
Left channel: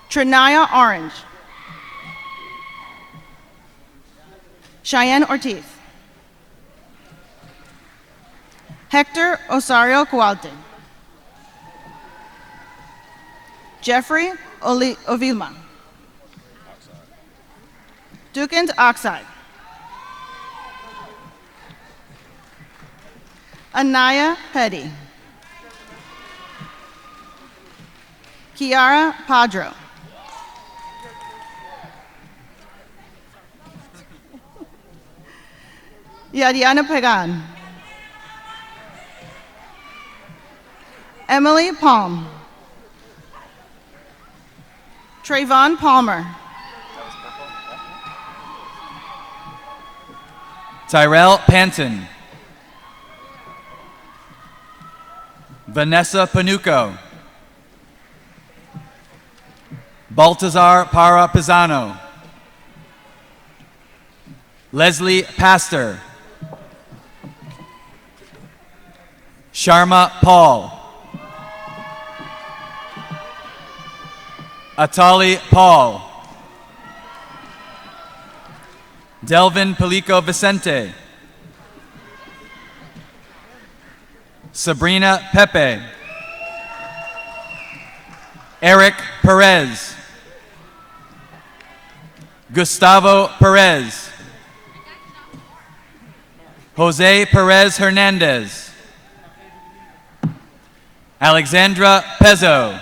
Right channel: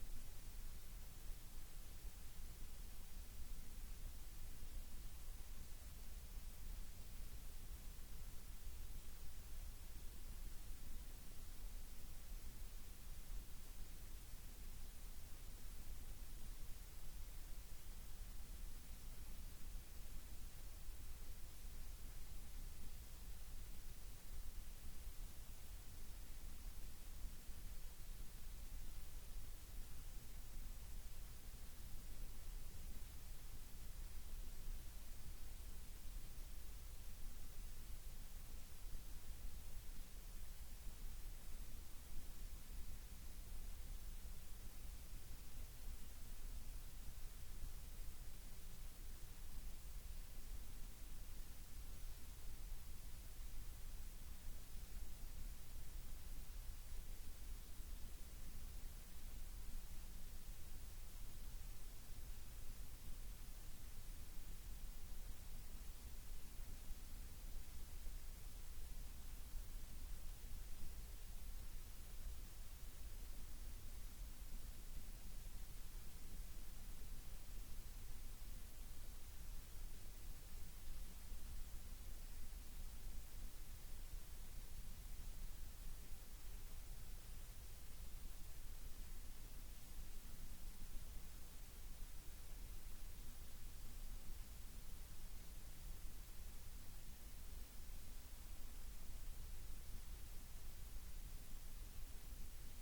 Trinaya Orange. Cheyenne Ortiz. Hector Osario Cualte. Jeffrey Ovilma. Dukant Oxide. Anaya Petty. Kiara Padro. Yadiana Pagan. Emily Palm. Trayvon Palmer. Tyrell Panton. Vanessa Panuco. Baltazar Para Pisano. Leslie Pastor. Sharma Paul. Atali Paul. Delvin Palico Vicente. Sabrina Pepe. Eric Perez. Gustavo Perez. Jose Perez Hernandez. Alexandra Pezzo.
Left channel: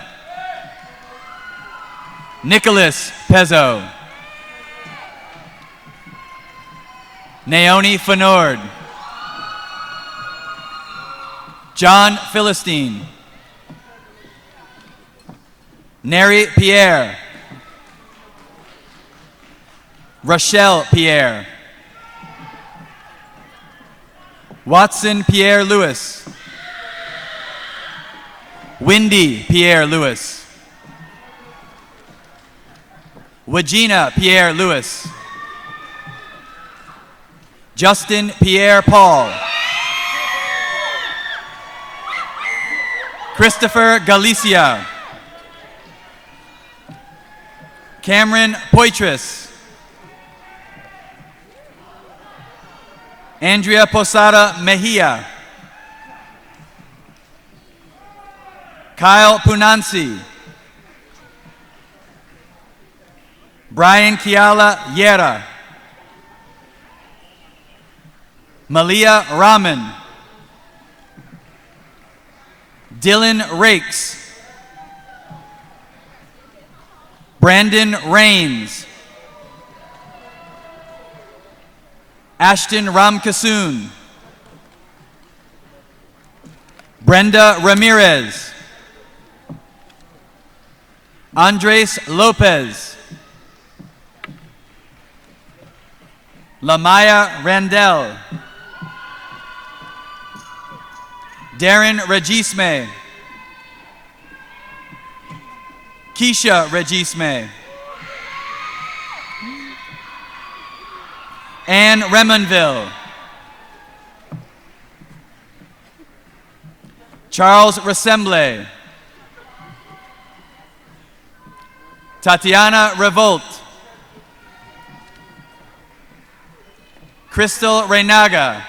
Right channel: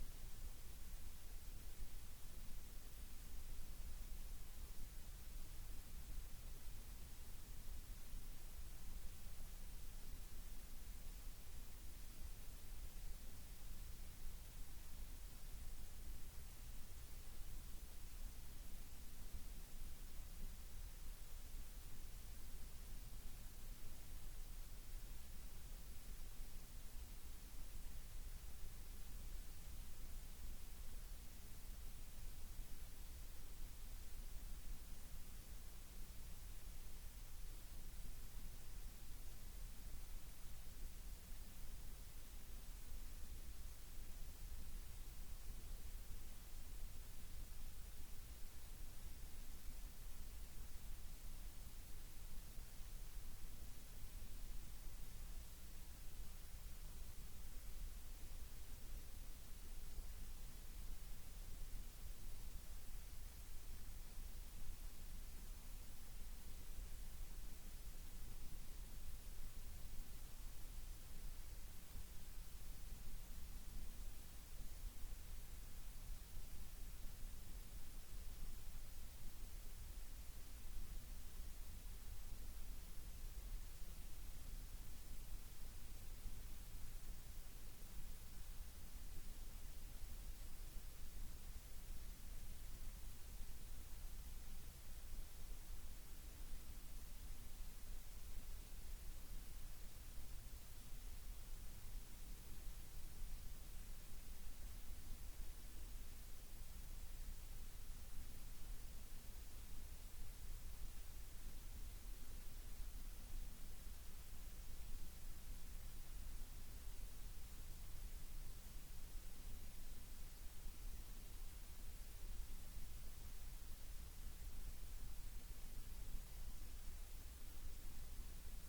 Nicholas Pezzo. Naomi Fenord. John Philistine. Neri Pierre. Rochelle Pierre. Watson Pierre Lewis. Wendy Pierre Lewis. Wagina Pierre Lewis. Justin Pierre Paul. Christopher Galicia. Cameron Poitras. Andrea Posada Mejia. Kyle Punansi. Brian Kiala Yera. Malia Rahman. Dylan Rakes. Brandon Rains. Ashton Ramkasoon. Brenda Ramirez. Andres Lopez. Lamaya Randell. Darren Regisme. Keisha Regisme. Anne Remonville. Charles Ressemble. Tatiana Revolt. Crystal Reynaga.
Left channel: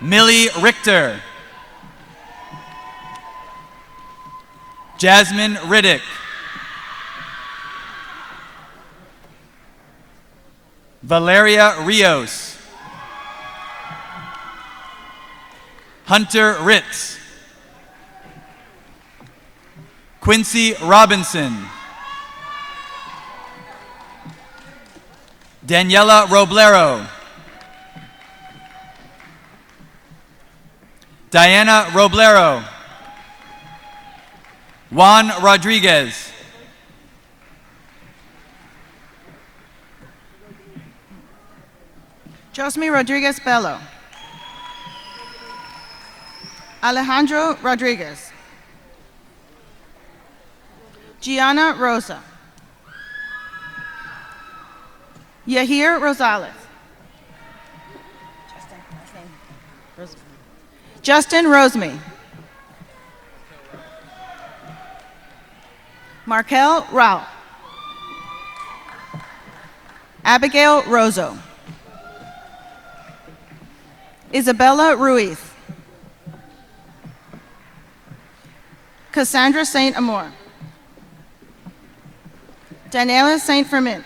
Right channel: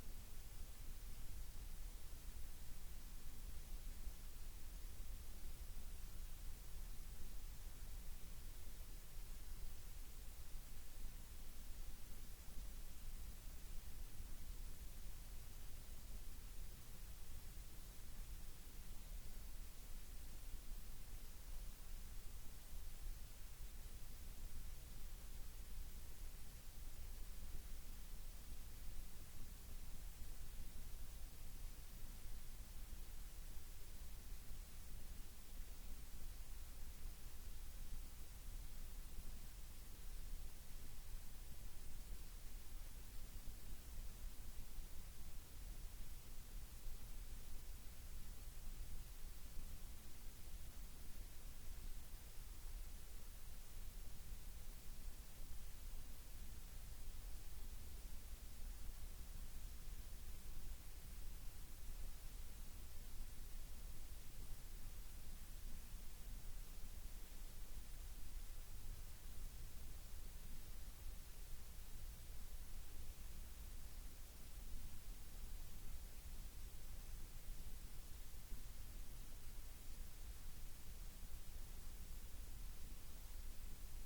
Millie Richter. Jasmine Riddick. Valeria Rios. Hunter Ritz. Quincy Robinson. Daniela Roblero. Diana Roblero. Juan Rodriguez. Josme Rodriguez Bello. Alejandro Rodriguez. Gianna Rosa. Yahir Rosales. Justin Roseme. Markel Rao. Abigail Rozo. Isabella Ruiz. Cassandra Saint Amour. Daniela Saint Fermin.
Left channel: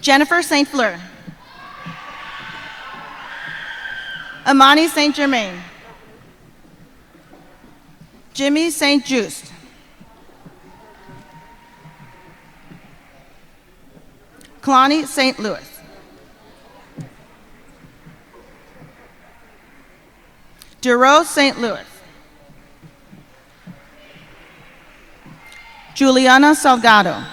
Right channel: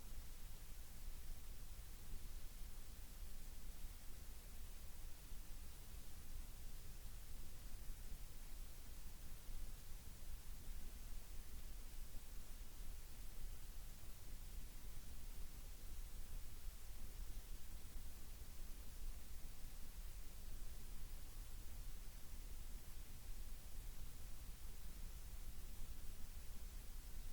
Jennifer Saint Fleur. Amani Saint Germain. Jimmy Saint Just. Kalani St. Louis. Duro St. Louis. Juliana Salgado.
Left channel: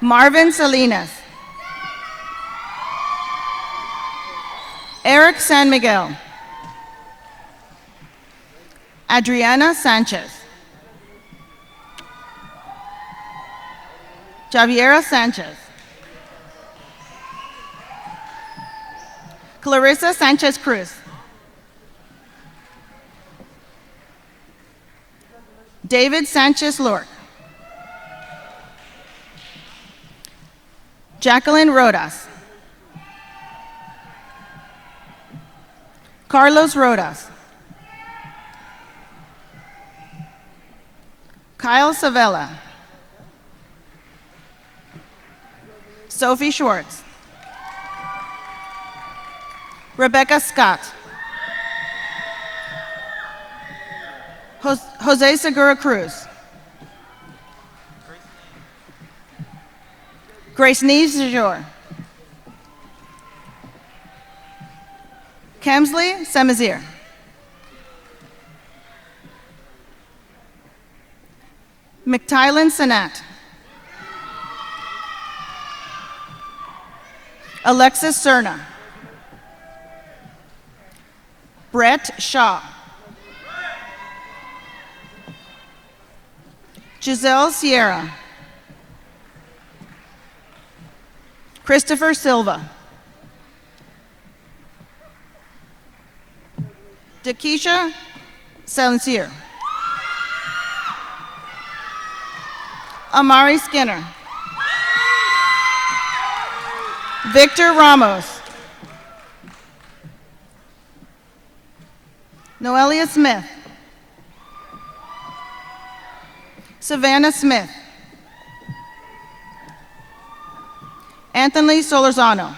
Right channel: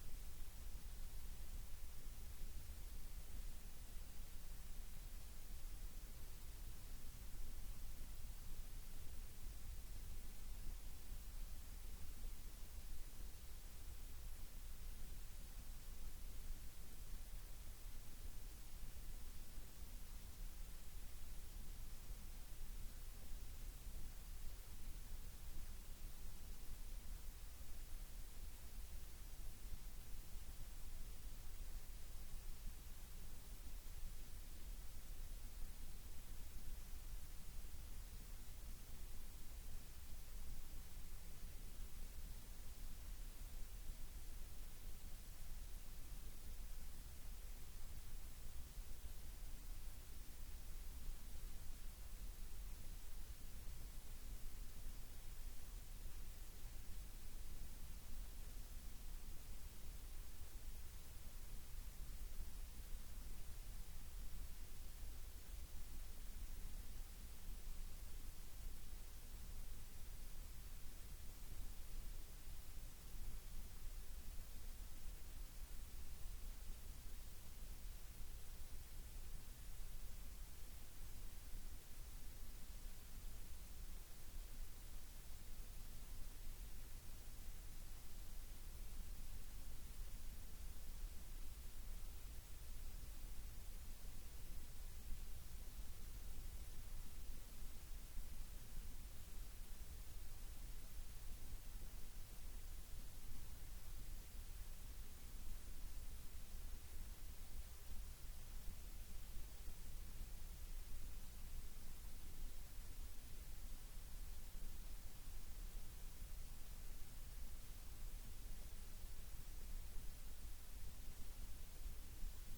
Marvin Salinas. Eric San Miguel. Adriana Sanchez. Javiera Sanchez. Clarissa Sanchez Cruz. David Sanchez Lork. Jacqueline Rodas. Carlos Rodas. Kyle Savella. Sophie Schwartz. Rebecca Scott. Jose Segura Cruz. Grace Neve Zajor. Kemsley Semazir. McTylan Sanat. Alexis Cerna. Brett Shaw. Giselle Sierra. Christopher Silva. Dakisha Sancier. Amari Skinner. Victor Ramos. Noelia Smith. Savannah Smith. Anthony Solorzano.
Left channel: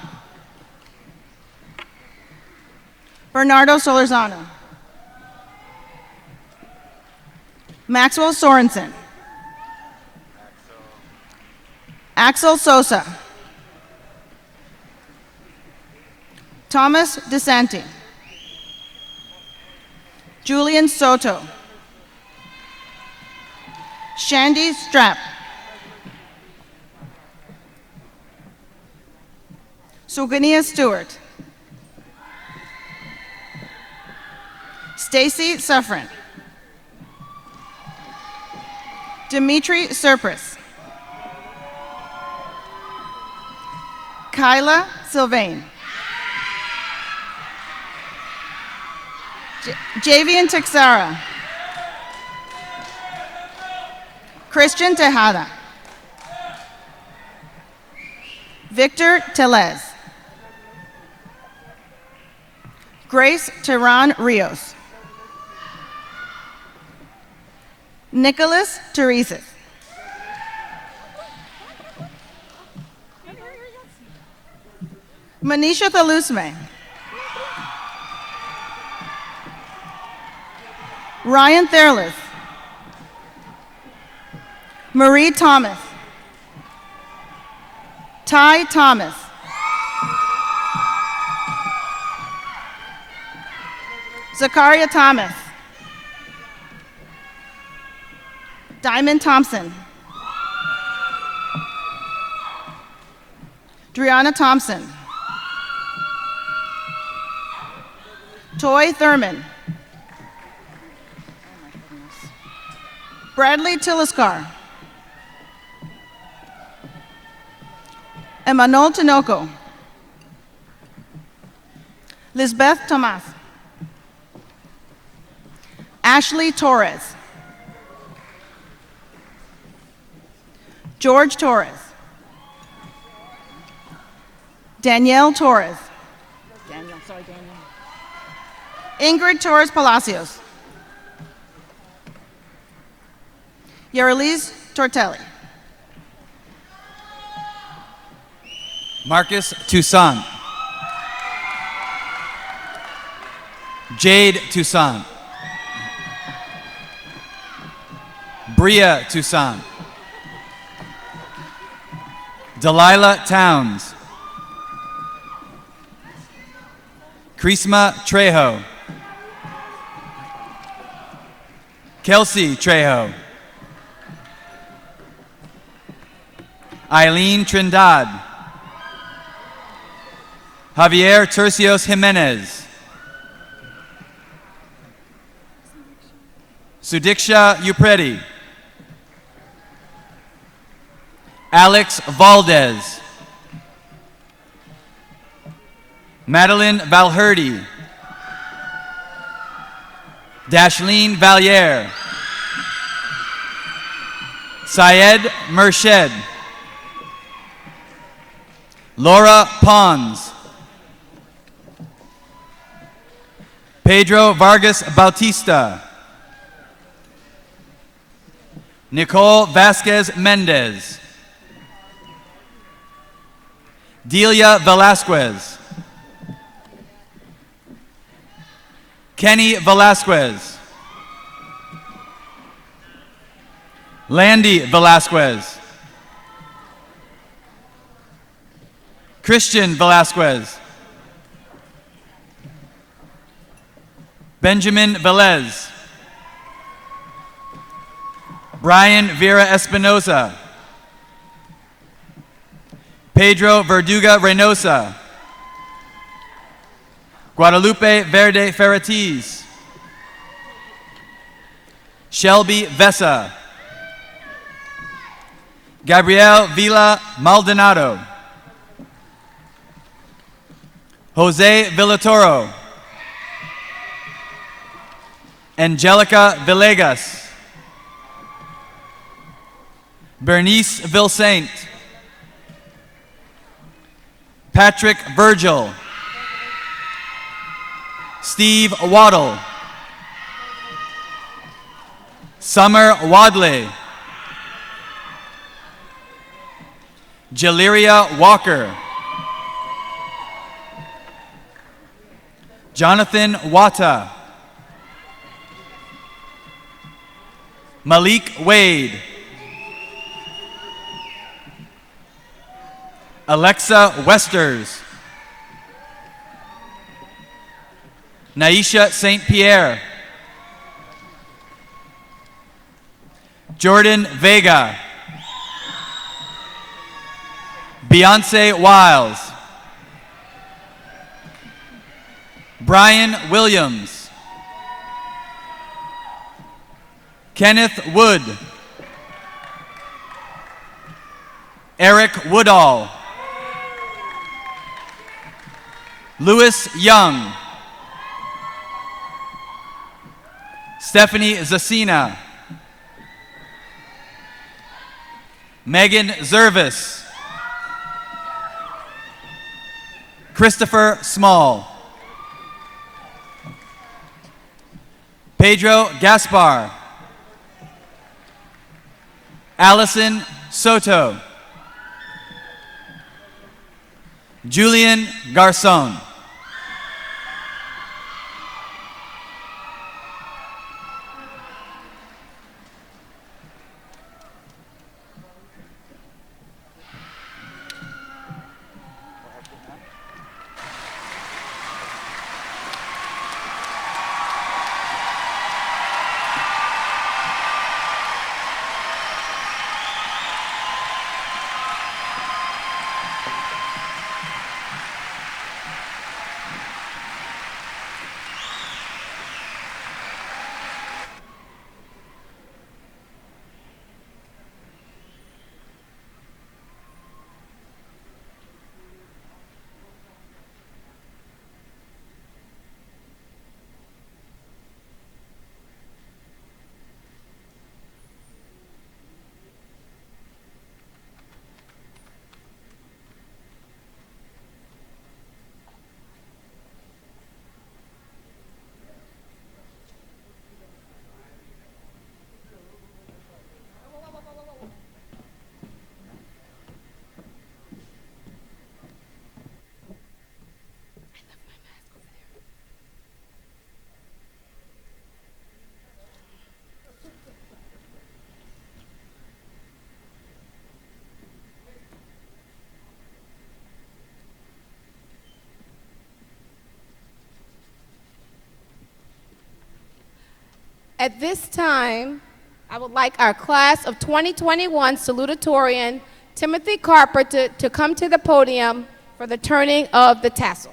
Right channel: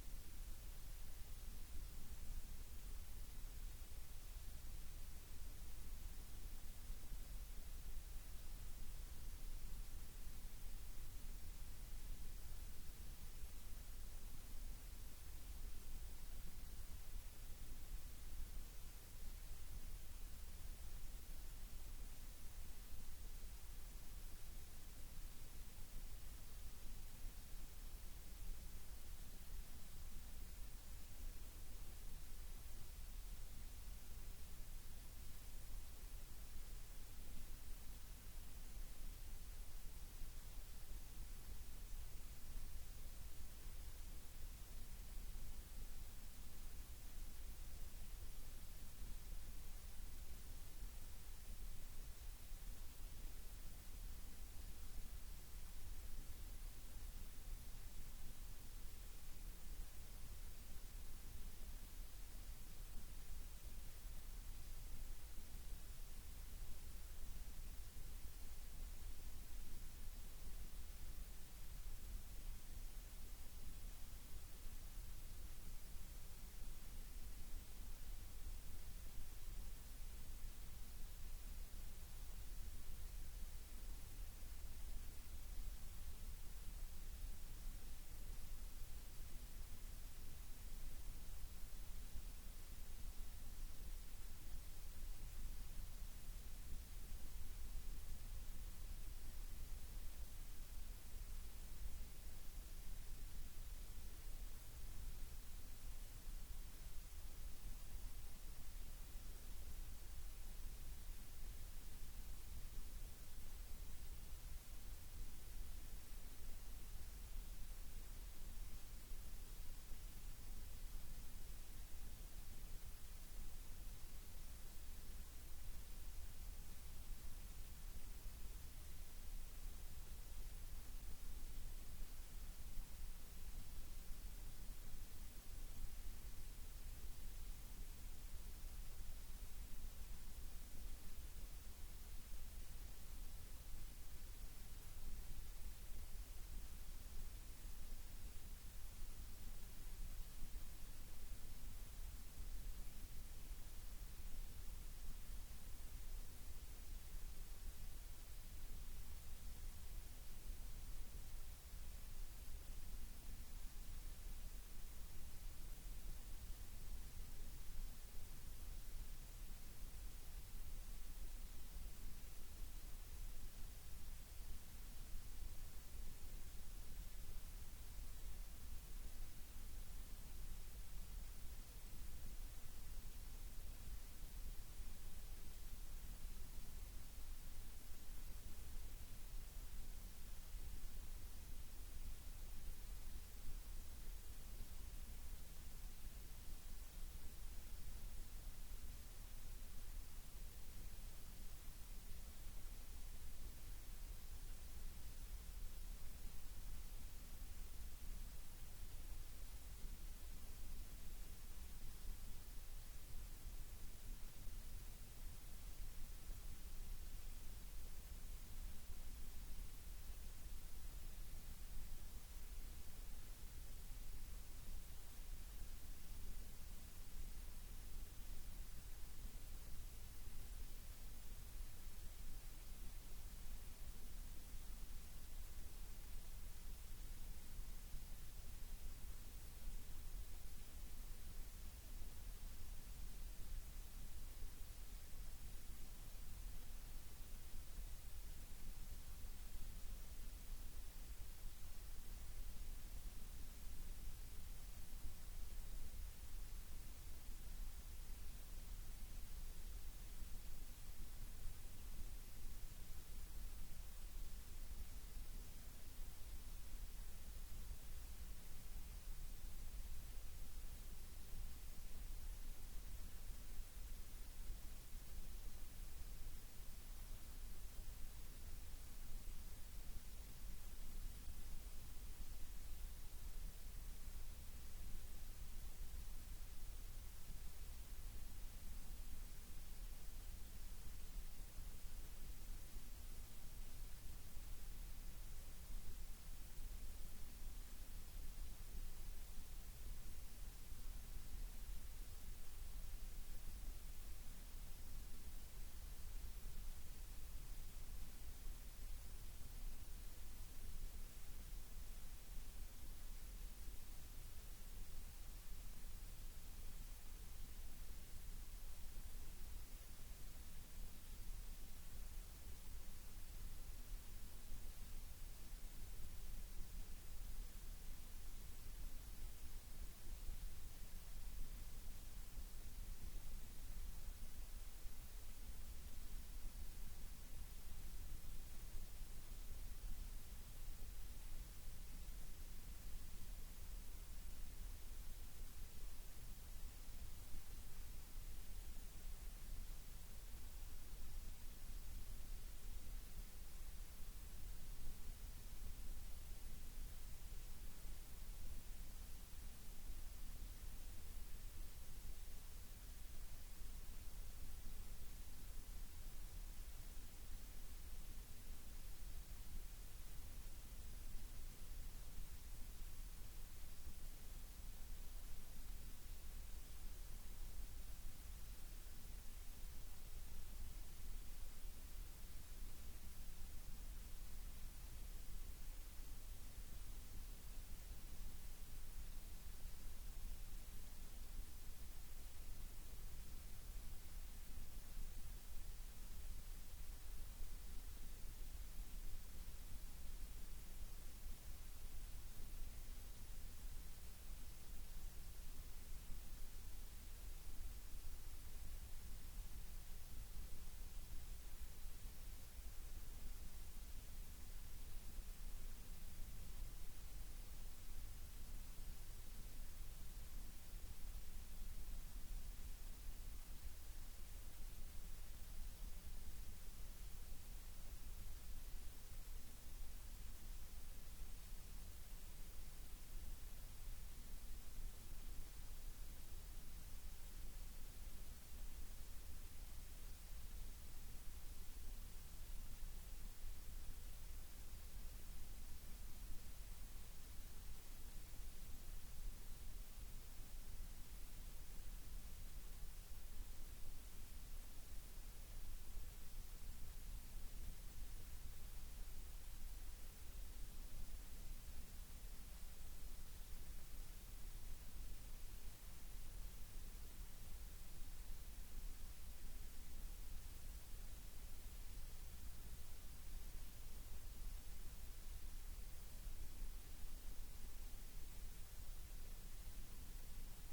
Bernardo Solorzano. Maxwell Sorensen. Axel Sosa. Thomas DeSanti. Julian Soto. Shandy Strapp. Sugania Stewart. Stacy Suffren. Dimitri Serpris. Kyla Sylvain. Javian Texara. Christian Tejada. Victor Telez. Grace Tehran Rios. Nicholas Teresis. Manisha Thalusme. Ryan Therlis. Marie Thomas. Ty Thomas. Zakaria Thomas. Diamond Thompson. Driana Thompson. Toy Thurman. Bradley Tiliskar. Emmanuel Tinoco. Lisbeth Tomas. Ashley Torres. George Torres. Danielle Torres. Ingrid Torres Palacios. Yareliz Tortelli. Marcus Toussaint. Jade Toussaint. Bria Toussaint. Delilah Towns. Krisma Trejo. Kelsey Trejo. Eileen Trindad. Javier Tercios Jimenez. Sudiksha Upreti. Alex Valdez. Madeline Valherde. Dashlene Valier. Syed Mershed. Laura Pons. Pedro Vargas Bautista. Nicole Vasquez Mendez. Delia Velasquez. Kenny Velasquez. Landy Velasquez. Christian Velasquez. Benjamin Velez. Brian Vera Espinosa. Pedro Verduga Reynosa. Guadalupe Verde Ferratiz. Shelby Vesa. Gabriel Villa Maldonado. Jose Villatoro. Angelica Villegas. Bernice Vilsaint. Patrick Virgil. Steve Waddle. Summer Wadley. Jaleria Walker. Jonathan Wata. Malik Wade. Alexa Westers. Naisha St. Pierre. Jordan Vega. Beyonce Wiles. Brian Williams. Kenneth Wood. Eric Woodall. Lewis Young. Stephanie Zacina. Megan Zervis. Christopher Small. Pedro Gaspar. Allison Soto. Julian Garcon. At this time, I would like our class of 2021 salutatorian, Timothy Carpenter, to come to the podium for the turning of the tassel.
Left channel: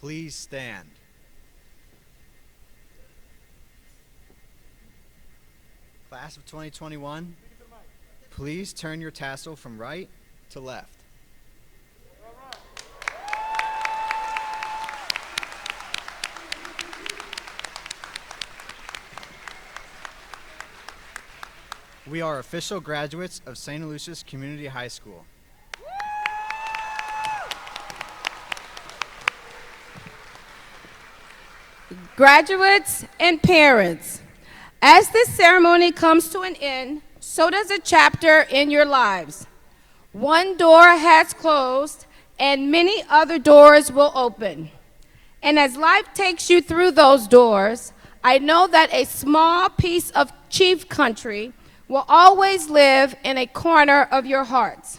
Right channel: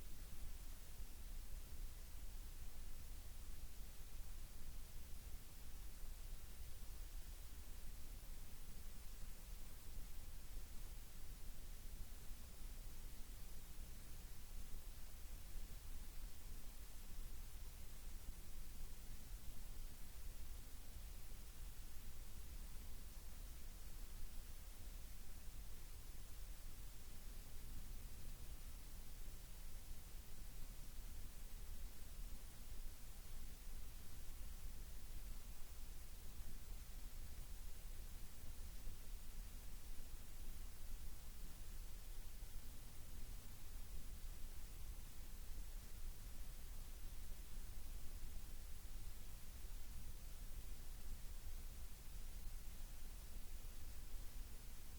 Please stand. Class of 2021, please turn your tassel from right to left. We are official graduates of Santaluces Community High School. Graduates and parents, as this ceremony comes to an end, so does a chapter in your lives. One door has closed and many other doors will open. And as life takes you through those doors, I know that a small piece of Chief Country will always live in a corner of your hearts.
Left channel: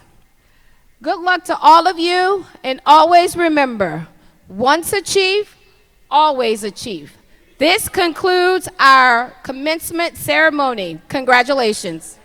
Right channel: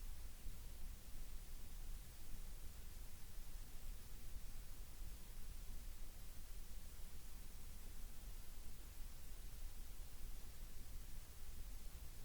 Good luck to all of you, and always remember, once a chief, always a chief. This concludes our commencement ceremony. Congratulations.